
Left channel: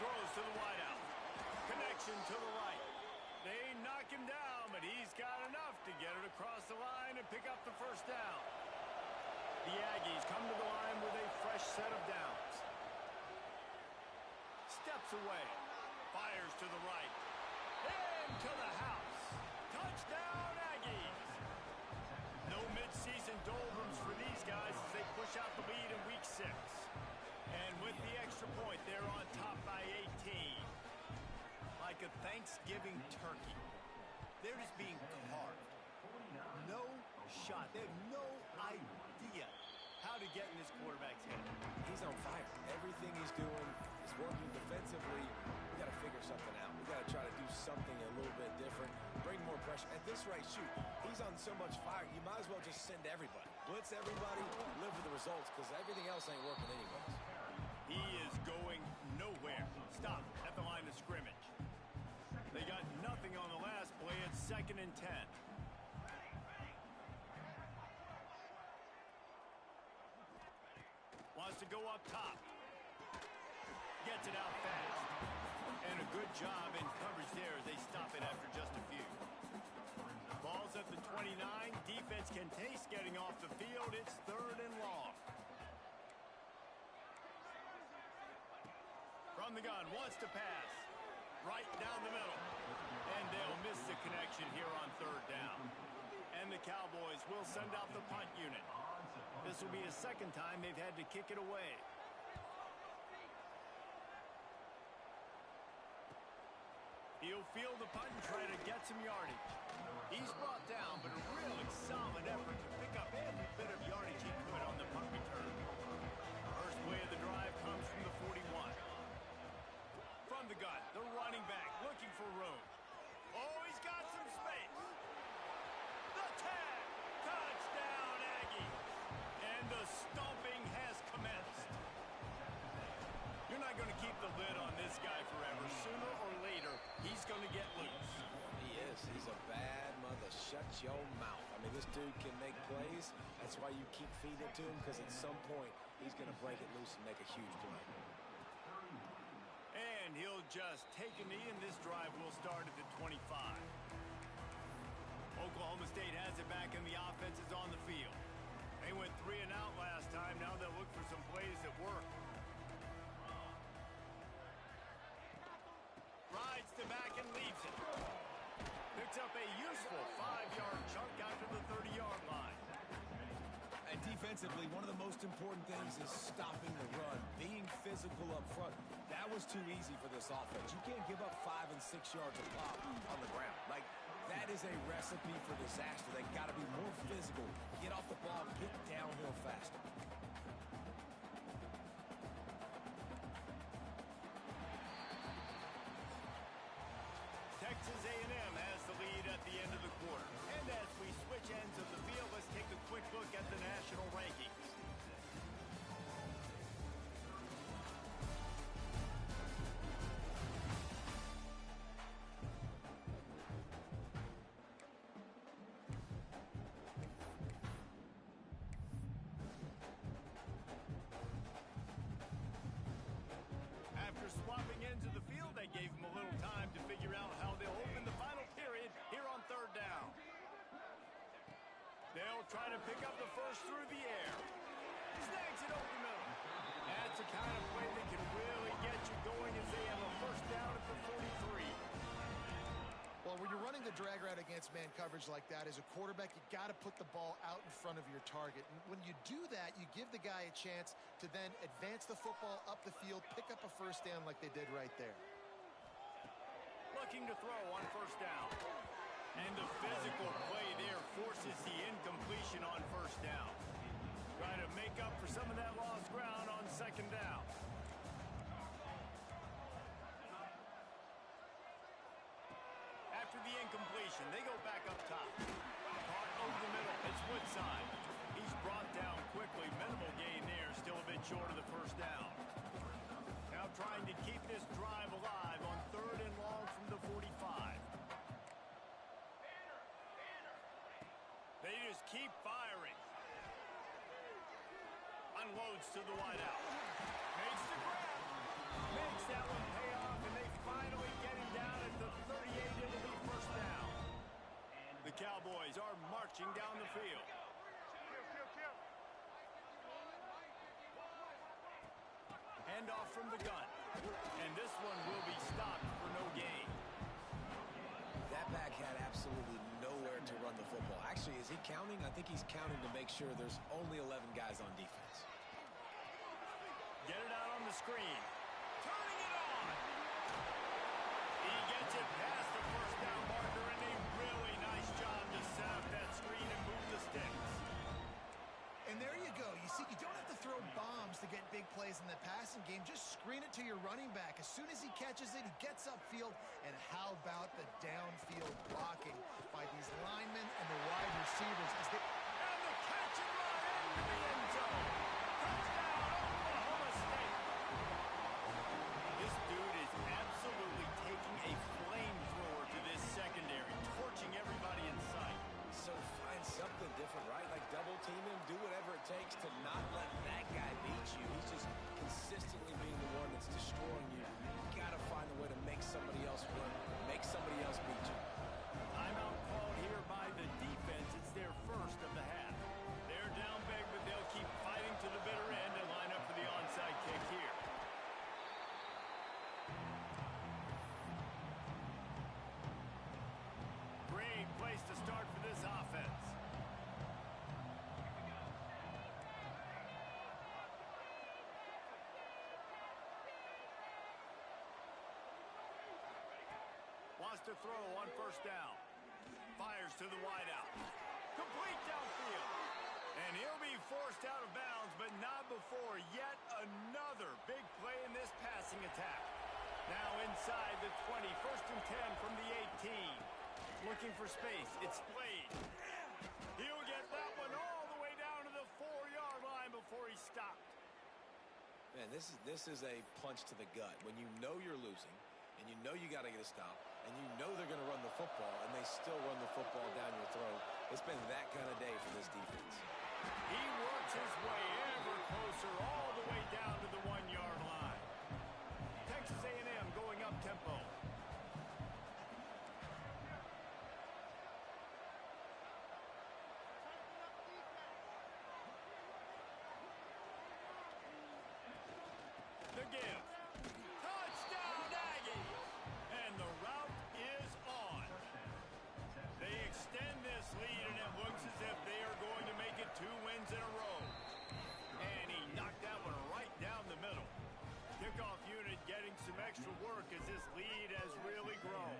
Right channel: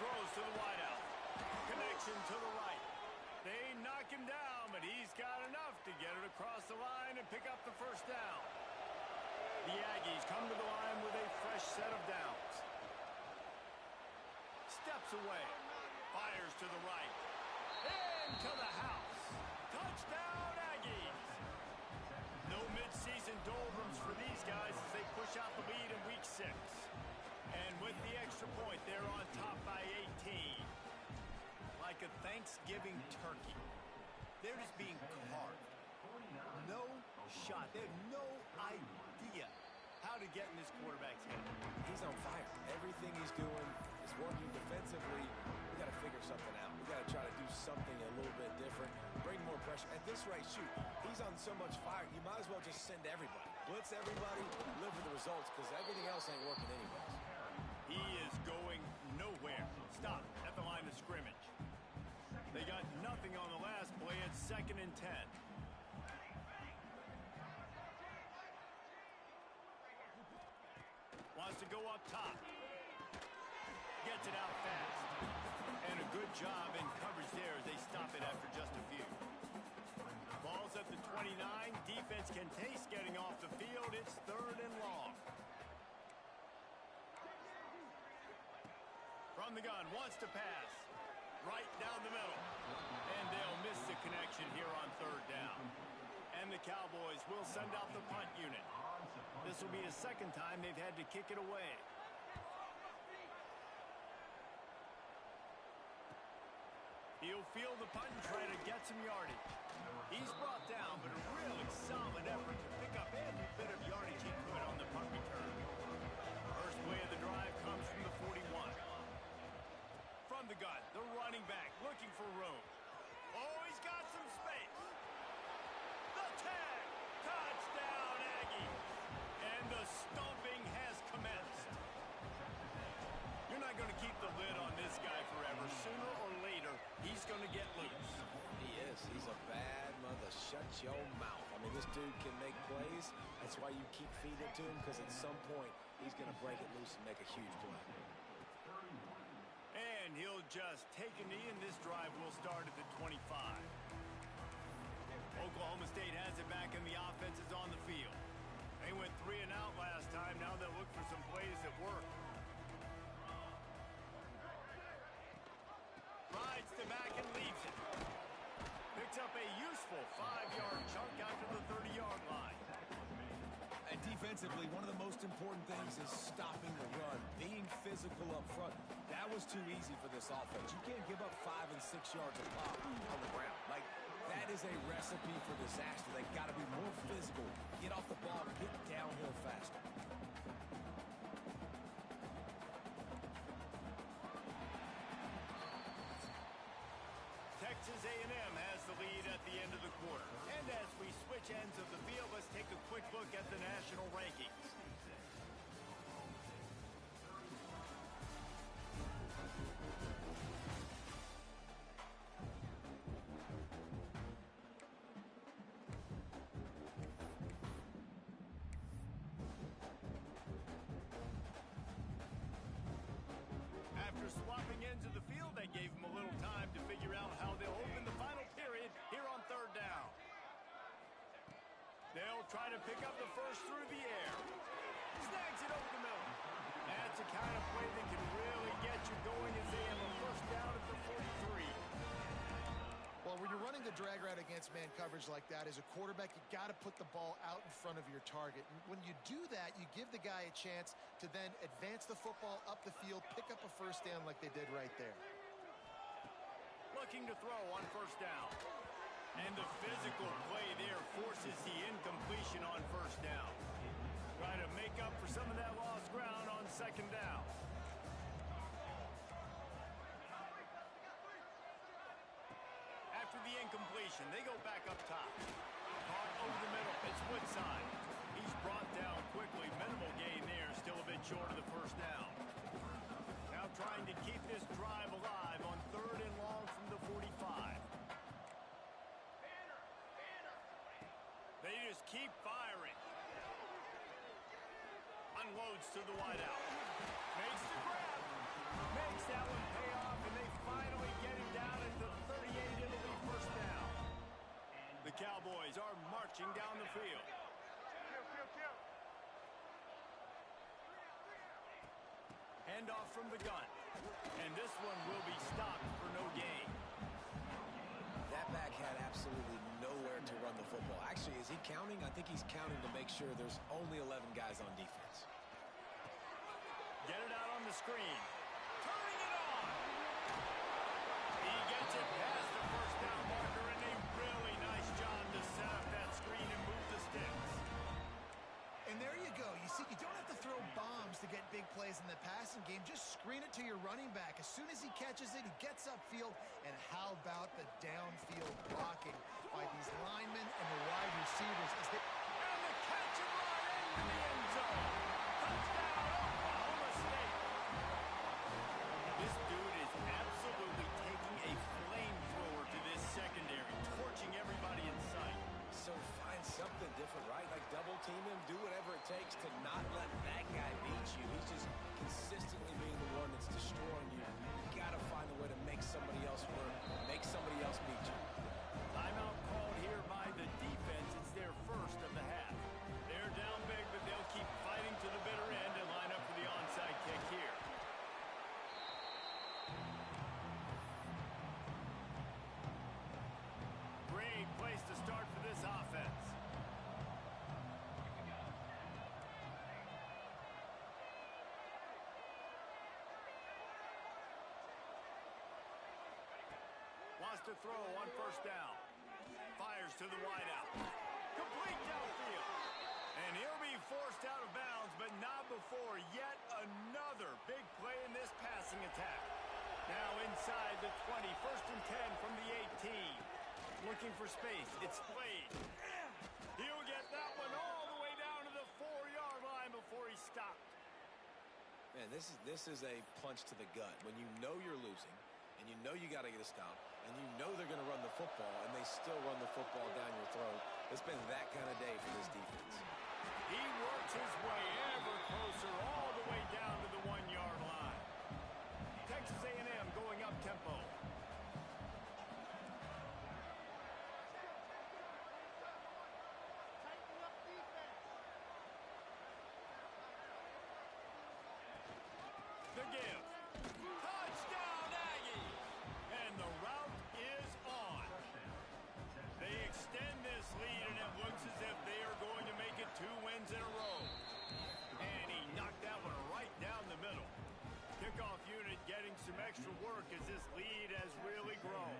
Throws to the wideout. Connection to the right. They knock him down, but he's got enough to get it across the line and pick up the first down. The Aggies come to the line with a fresh set of downs. Steps away. Fires to the right. Into the house. Touchdown, Aggies. No midseason doldrums for these guys as they push out the lead in week 6. And with the extra point, they're on top by 18. like a Thanksgiving turkey. They're just being carved. No shot. They have no idea how to get in this quarterback's head. He's on fire. Everything he's doing is working defensively. We got to figure something out. We got to try to do something a little bit different. Bring more pressure. At this rate, shoot, he's on so much fire, you might as well just send everybody. Blitz everybody, live with the results, because everything else ain't working anyways. He is going nowhere. Stop at the line of scrimmage. They got nothing on the last play. It's 2nd and 10. Wants to go up top. Gets it out fast. And a good job in coverage there as they stop it after just a few. Ball's at the 29. Defense can taste getting off the field. It's 3rd and long. From the gun, wants to pass. Right down the middle. And they'll miss the connection here on 3rd down. And the Cowboys will send out the punt unit. This will be a 2nd time they've had to kick it away. He'll field the punt and try to get some yardage. He's brought down, but a really solid effort to pick up every bit of yardage he could on the punt return. First play of the drive comes from the 41. From the gun, the running back looking for room. Oh, he's got some space. The tag! Touchdown, Aggies! And the stomping has commenced. You're not going to keep the lid on this guy forever. Sooner or later, he's going to get loose. He is. He's a bad mother. Shut your mouth. I mean, this dude can make plays. That's why you keep feeding it to him, because at some point, he's going to break it loose and make a huge play. And he'll just take a knee, and this drive will start at the 25. Oklahoma State has it back, and the offense is on the field. They went 3 and out last time. Now they'll look for some plays that work. Rides to back and leaves it. Picks up a useful 5-yard chunk after the 30-yard line. And defensively, one of the most important things is stopping the run, being physical up front. That was too easy for this offense. You can't give up 5 and 6 yards a pop on the ground. Like, that is a recipe for disaster. They got to be more physical, get off the ball, get downhill faster. Texas A&M has the lead at the end of the quarter. And as we switch ends of the field, let's take a quick look at the national rankings. After swapping ends of the field, they gave them a little time to figure out how they'll open the final period here on 3rd down. They'll try to pick up the first through the air. Snags it over the middle. That's the kind of play that can really get you going as they have a first down at the 43. Well, when you're running the drag route against man coverage like that, as a quarterback, you got to put the ball out in front of your target. And when you do that, you give the guy a chance to then advance the football up the field, pick up a first down like they did right there. Looking to throw on first down. And the physical play there forces the incompletion on first down. Try to make up for some of that lost ground on 2nd down. After the incompletion, they go back up top. Caught over the middle. It's Woodside. He's brought down quickly. Minimal gain there. Still a bit short of the first down. Now trying to keep this drive alive on 3rd and long from the 45. They just keep firing. Unloads to the wideout. Makes the grab. Makes that one pay off, and they finally get him down at the 38. It'll be first down. The Cowboys are marching down the field. Handoff from the gun. And this one will be stopped for no gain. That back had absolutely nowhere to run the football. Actually, is he counting? I think he's counting to make sure there's only 11 guys on defense. Get it out on the screen. Turning it on. He gets it past the first down marker, and a really nice job to set up that screen and move the sticks. And there you go. You see, you don't have to throw bombs to get big plays in the passing game. Just screen it to your running back. As soon as he catches it, he gets upfield. And how about the downfield blocking by these linemen and the wide receivers as they... And the catch and run into the end zone. Touchdown, Oklahoma State. This dude is absolutely taking a flamethrower to this secondary, torching everybody in sight. So find something different, right? Like double team him, do whatever it takes to not let that guy beat you. He's just consistently being the one that's destroying you. You got to find a way to make somebody else work, make somebody else beat you. Timeout called here by the defense. It's their first of the half. They're down big, but they'll keep fighting to the bitter end and line up for the onside kick here. Great place to start for this offense. Wants to throw on first down. Fires to the wideout. Complete downfield. And he'll be forced out of bounds, but not before yet another big play in this passing attack. Now inside the 20, first and 10 from the 18. Looking for space. It's Slade. He'll get that one all the way down to the 4-yard line before he stopped. Man, this is a punch to the gut. When you know you're losing, and you know you got to get a stop, and you know they're going to run the football, and they still run the football down your throat. It's been that kind of day for this defense. He works his way ever closer all the way down to the 1-yard line. Texas A&M going up tempo. The give. Touchdown, Aggies! And the route is on. They extend this lead, and it looks as if they are going to make it 2 wins in a row. And he knocked that one right down the middle. Kickoff unit getting some extra work as this lead has really grown.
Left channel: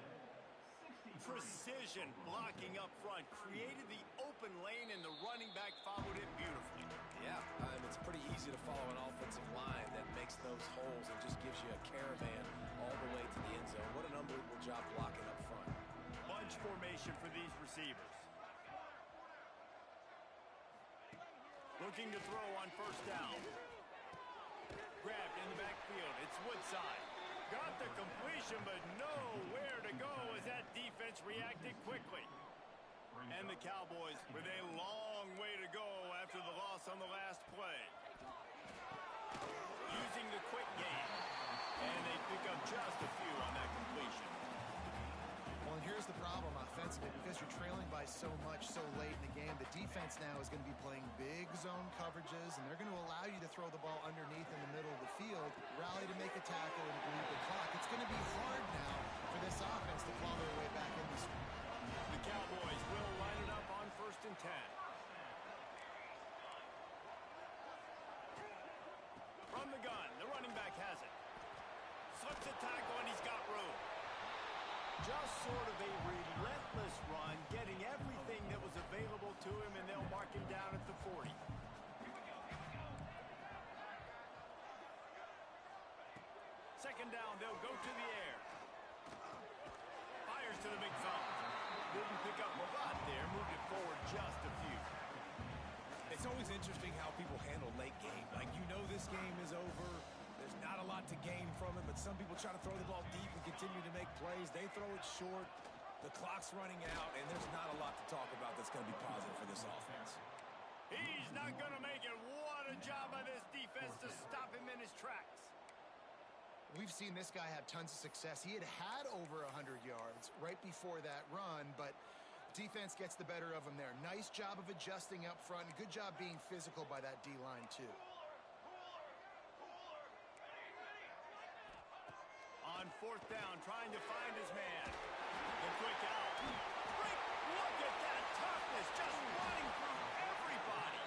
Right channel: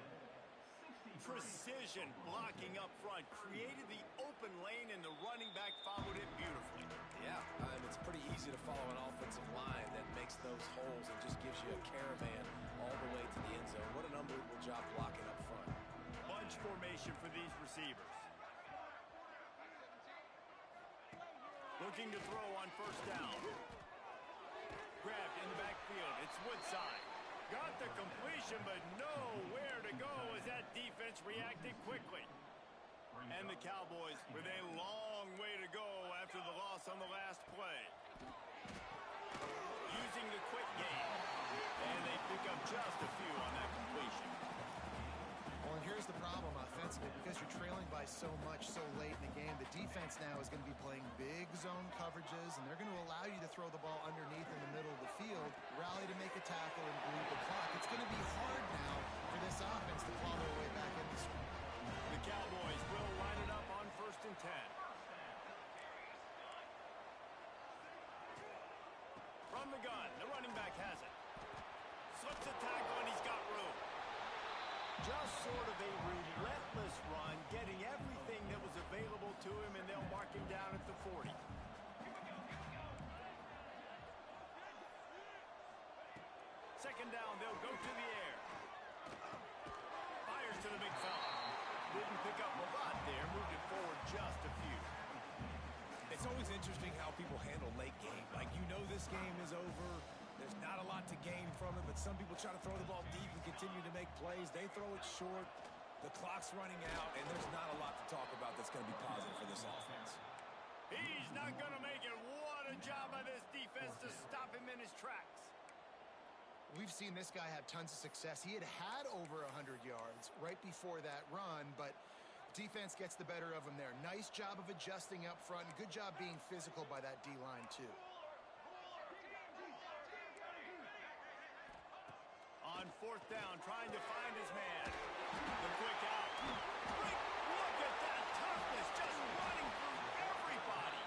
Precision blocking up front created the open lane, and the running back followed it beautifully. Yeah, it's pretty easy to follow an offensive line that makes those holes and just gives you a caravan all the way to the end zone. What an unbelievable job blocking up front. Bunch formation for these receivers. Looking to throw on first down. Grabbed in the backfield. It's Woodside. Got the completion, but nowhere to go as that defense reacted quickly. And the Cowboys with a long way to go after the loss on the last play. Using the quick game. And they pick up just a few on that completion. Well, and here's the problem offensively. Because you're trailing by so much so late in the game, the defense now is going to be playing big zone coverages, and they're going to allow you to throw the ball underneath in the middle of the field, rally to make a tackle, and bleed the clock. It's going to be hard now for this offense to claw their way back in this one. The Cowboys will line it up on first and 10. From the gun, the running back has it. Slips a tackle, and he's got room. Just sort of a relentless run, getting everything that was available to him, and they'll mark him down at the 40. Second down, they'll go to the air. Fires to the big fella. Didn't pick up a lot there, moved it forward just a few. It's always interesting how people handle late game. Like, you know this game is over. There's not a lot to gain from it, but some people try to throw the ball deep and continue to make plays. They throw it short. The clock's running out, and there's not a lot to talk about that's going to be positive for this offense. He's not going to make it. What a job by this defense to stop him in his tracks. We've seen this guy have tons of success. He had over 100 yards right before that run, but defense gets the better of him there. Nice job of adjusting up front. Good job being physical by that D-line, too. On fourth down, trying to find his man. The quick out. Great look at that toughness, just running through everybody.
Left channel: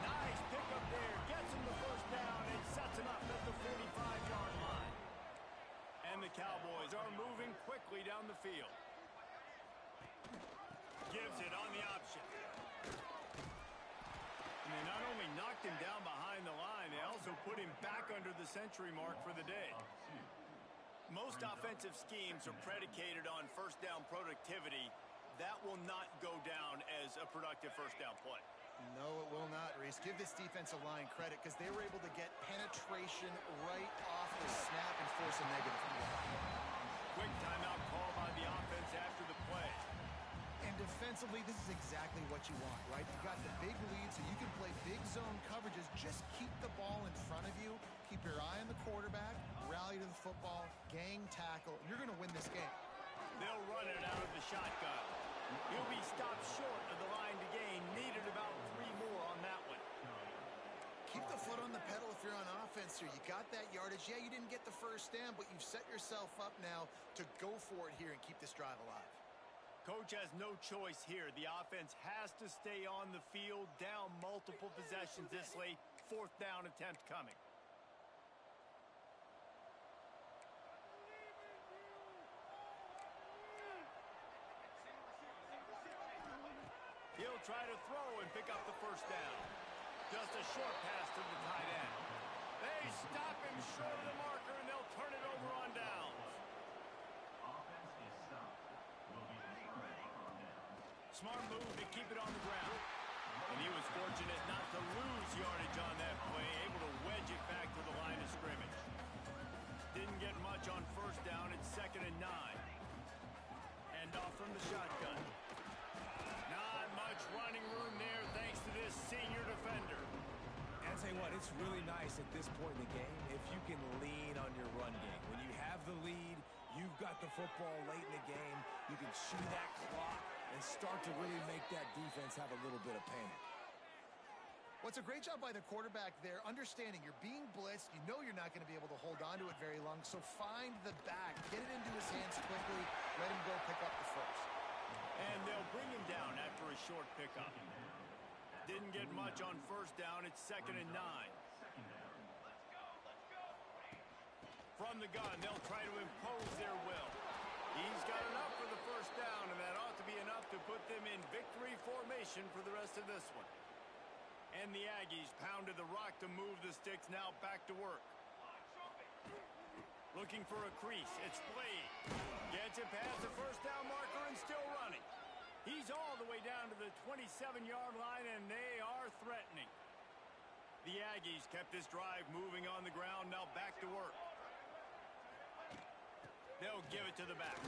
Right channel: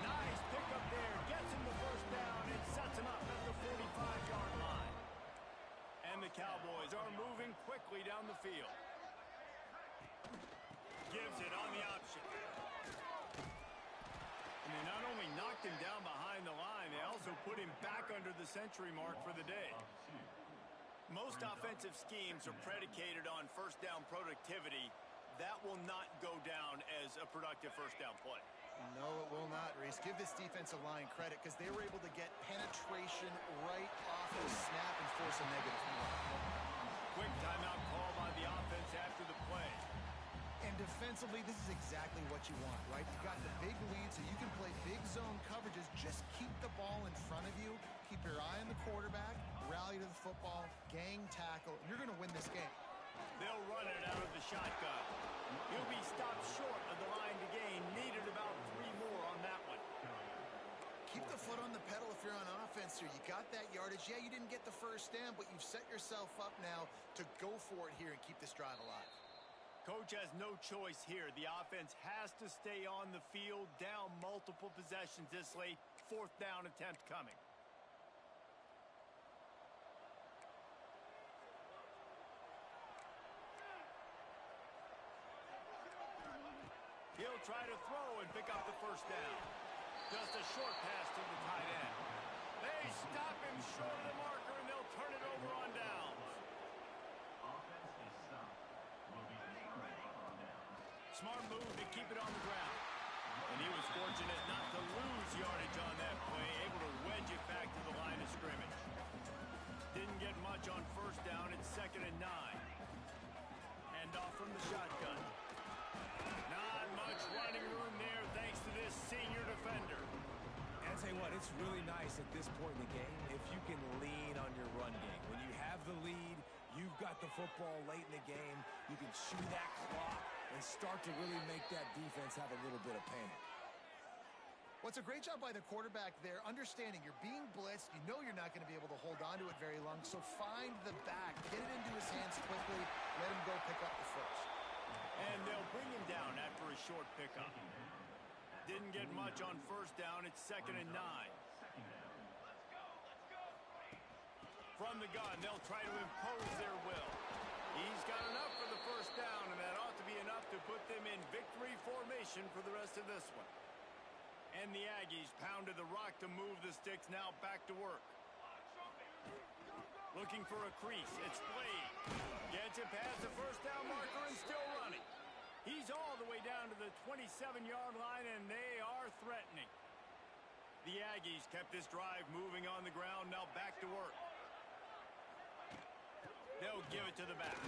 Nice pickup there, gets him the first down and sets him up at the 45-yard line. And the the Cowboys are moving quickly down the field. Gives it on the option. And they not only knocked him down behind the line, they also put him back under the century mark for the day. Most offensive schemes are predicated on first down productivity. That will not go down as a productive first down play. No, it will not, Reese. Give this defensive line credit because they were able to get penetration right off the snap and force a negative play. Quick timeout call by the offense after the play. And defensively, this is exactly what you want, right? You got the big lead, so you can play big zone coverages. Just keep the ball in front of you. Keep your eye on the quarterback. Rally to the football. Gang tackle. And you're going to win this game. They'll run it out of the shotgun. He'll be stopped short of the line to gain. Needed about 3 more on that one. Keep the foot on the pedal if you're on offense here. You got that yardage. Yeah, you didn't get the first down, but you've set yourself up now to go for it here and keep this drive alive. Coach has no choice here. The offense has to stay on the field, down multiple possessions this late. 4th down attempt coming. He'll try to throw and pick up the first down. Just a short pass to the tight end. They stop him short of the marker, and they'll turn it over on downs. Smart move to keep it on the ground. And he was fortunate not to lose yardage on that play, able to wedge it back to the line of scrimmage. Didn't get much on first down. It's 2nd and 9. Hand off from the shotgun. Not much running room there thanks to this senior defender. And I'll tell you what, it's really nice at this point in the game if you can lean on your run game. When you have the lead, you've got the football late in the game, you can chew that clock and start to really make that defense have a little bit of panic. What's a great job by the quarterback there, understanding you're being blitzed, you know you're not going to be able to hold on to it very long, so find the back, get it into his hands quickly, let him go pick up the first. And they'll bring him down after a short pickup. Didn't get much on first down, it's 2nd and 9. From the gun, they'll try to impose their will. He's got enough for the first down, and that ought to be enough to put them in victory formation for the rest of this one. And the Aggies pounded the rock to move the sticks, now back to work. Looking for a crease, it's Blade. Gets it past the first down marker and still running. He's all the way down to the 27-yard line, and they are threatening. The Aggies kept this drive moving on the ground, now back to work. They'll give it to the back.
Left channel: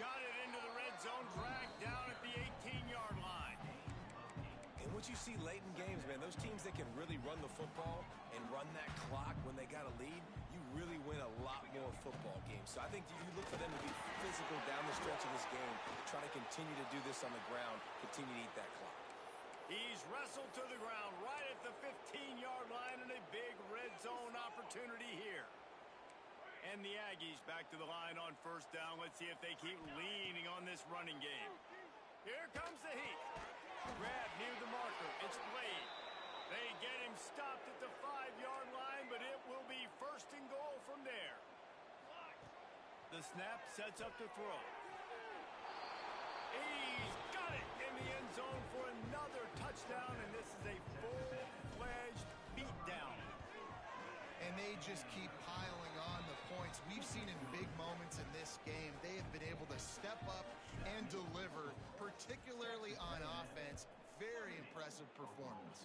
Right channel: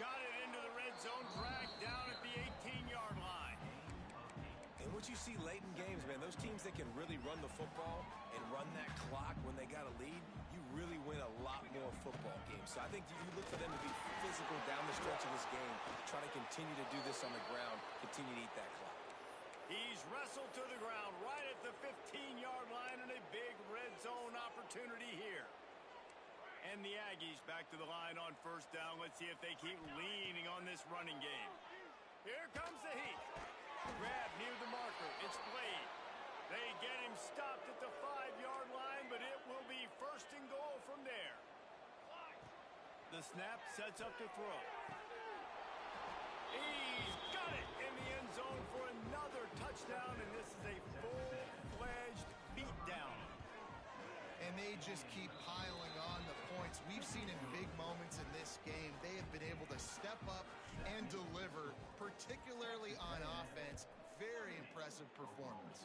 Got it into the red zone, dragged down at the 18-yard line. And what you see late in games, man, those teams that can really run the football and run that clock when they got a lead, you really win a lot more football games. So I think you look for them to be physical down the stretch of this game, try to continue to do this on the ground, continue to eat that clock. He's wrestled to the ground right at the 15-yard line, and a big red zone opportunity here. And the Aggies back to the line on first down. Let's see if they keep leaning on this running game. Here comes the heat. Grab near the marker. It's Blade. They get him stopped at the 5-yard line, but it will be 1st and goal from there. The snap sets up to throw. He's got it in the end zone for another touchdown, and this is a full-fledged beatdown. And they just keep piling on the points. We've seen in big moments in this game, they have been able to step up and deliver, particularly on offense. Very impressive performance.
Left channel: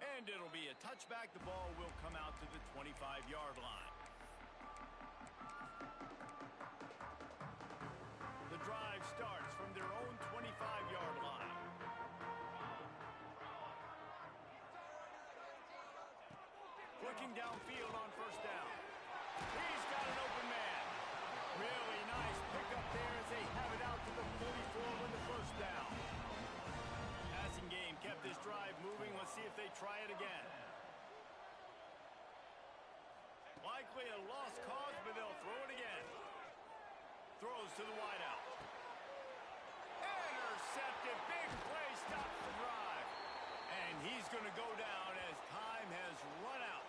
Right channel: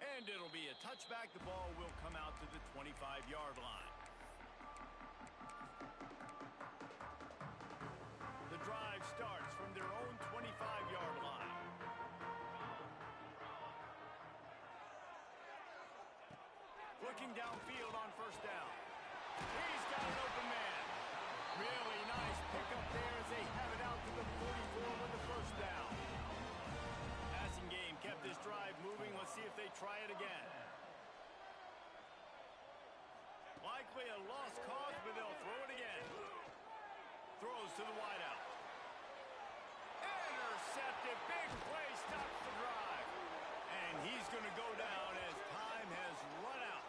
And it'll be a touchback. The ball will come out to the 25-yard line. The drive starts from their own 25-yard line. Looking downfield on first down. He's got an open man. Really nice pickup there as they have it out to the 44 with the first down. Passing game kept this drive moving. Let's see if they try it again. Likely a lost cause, but they'll throw it again. Throws to the wideout. Intercepted. Big play stops the drive. And he's going to go down as time has run out.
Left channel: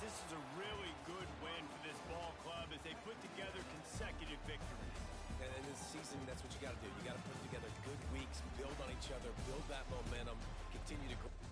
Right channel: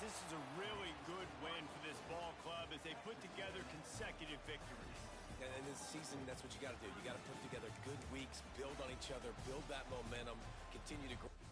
this is a really good win for this ball club as they put together consecutive victories. And this season, that's what you got to do. You got to put together good weeks, build on each other, build that momentum, continue to grow.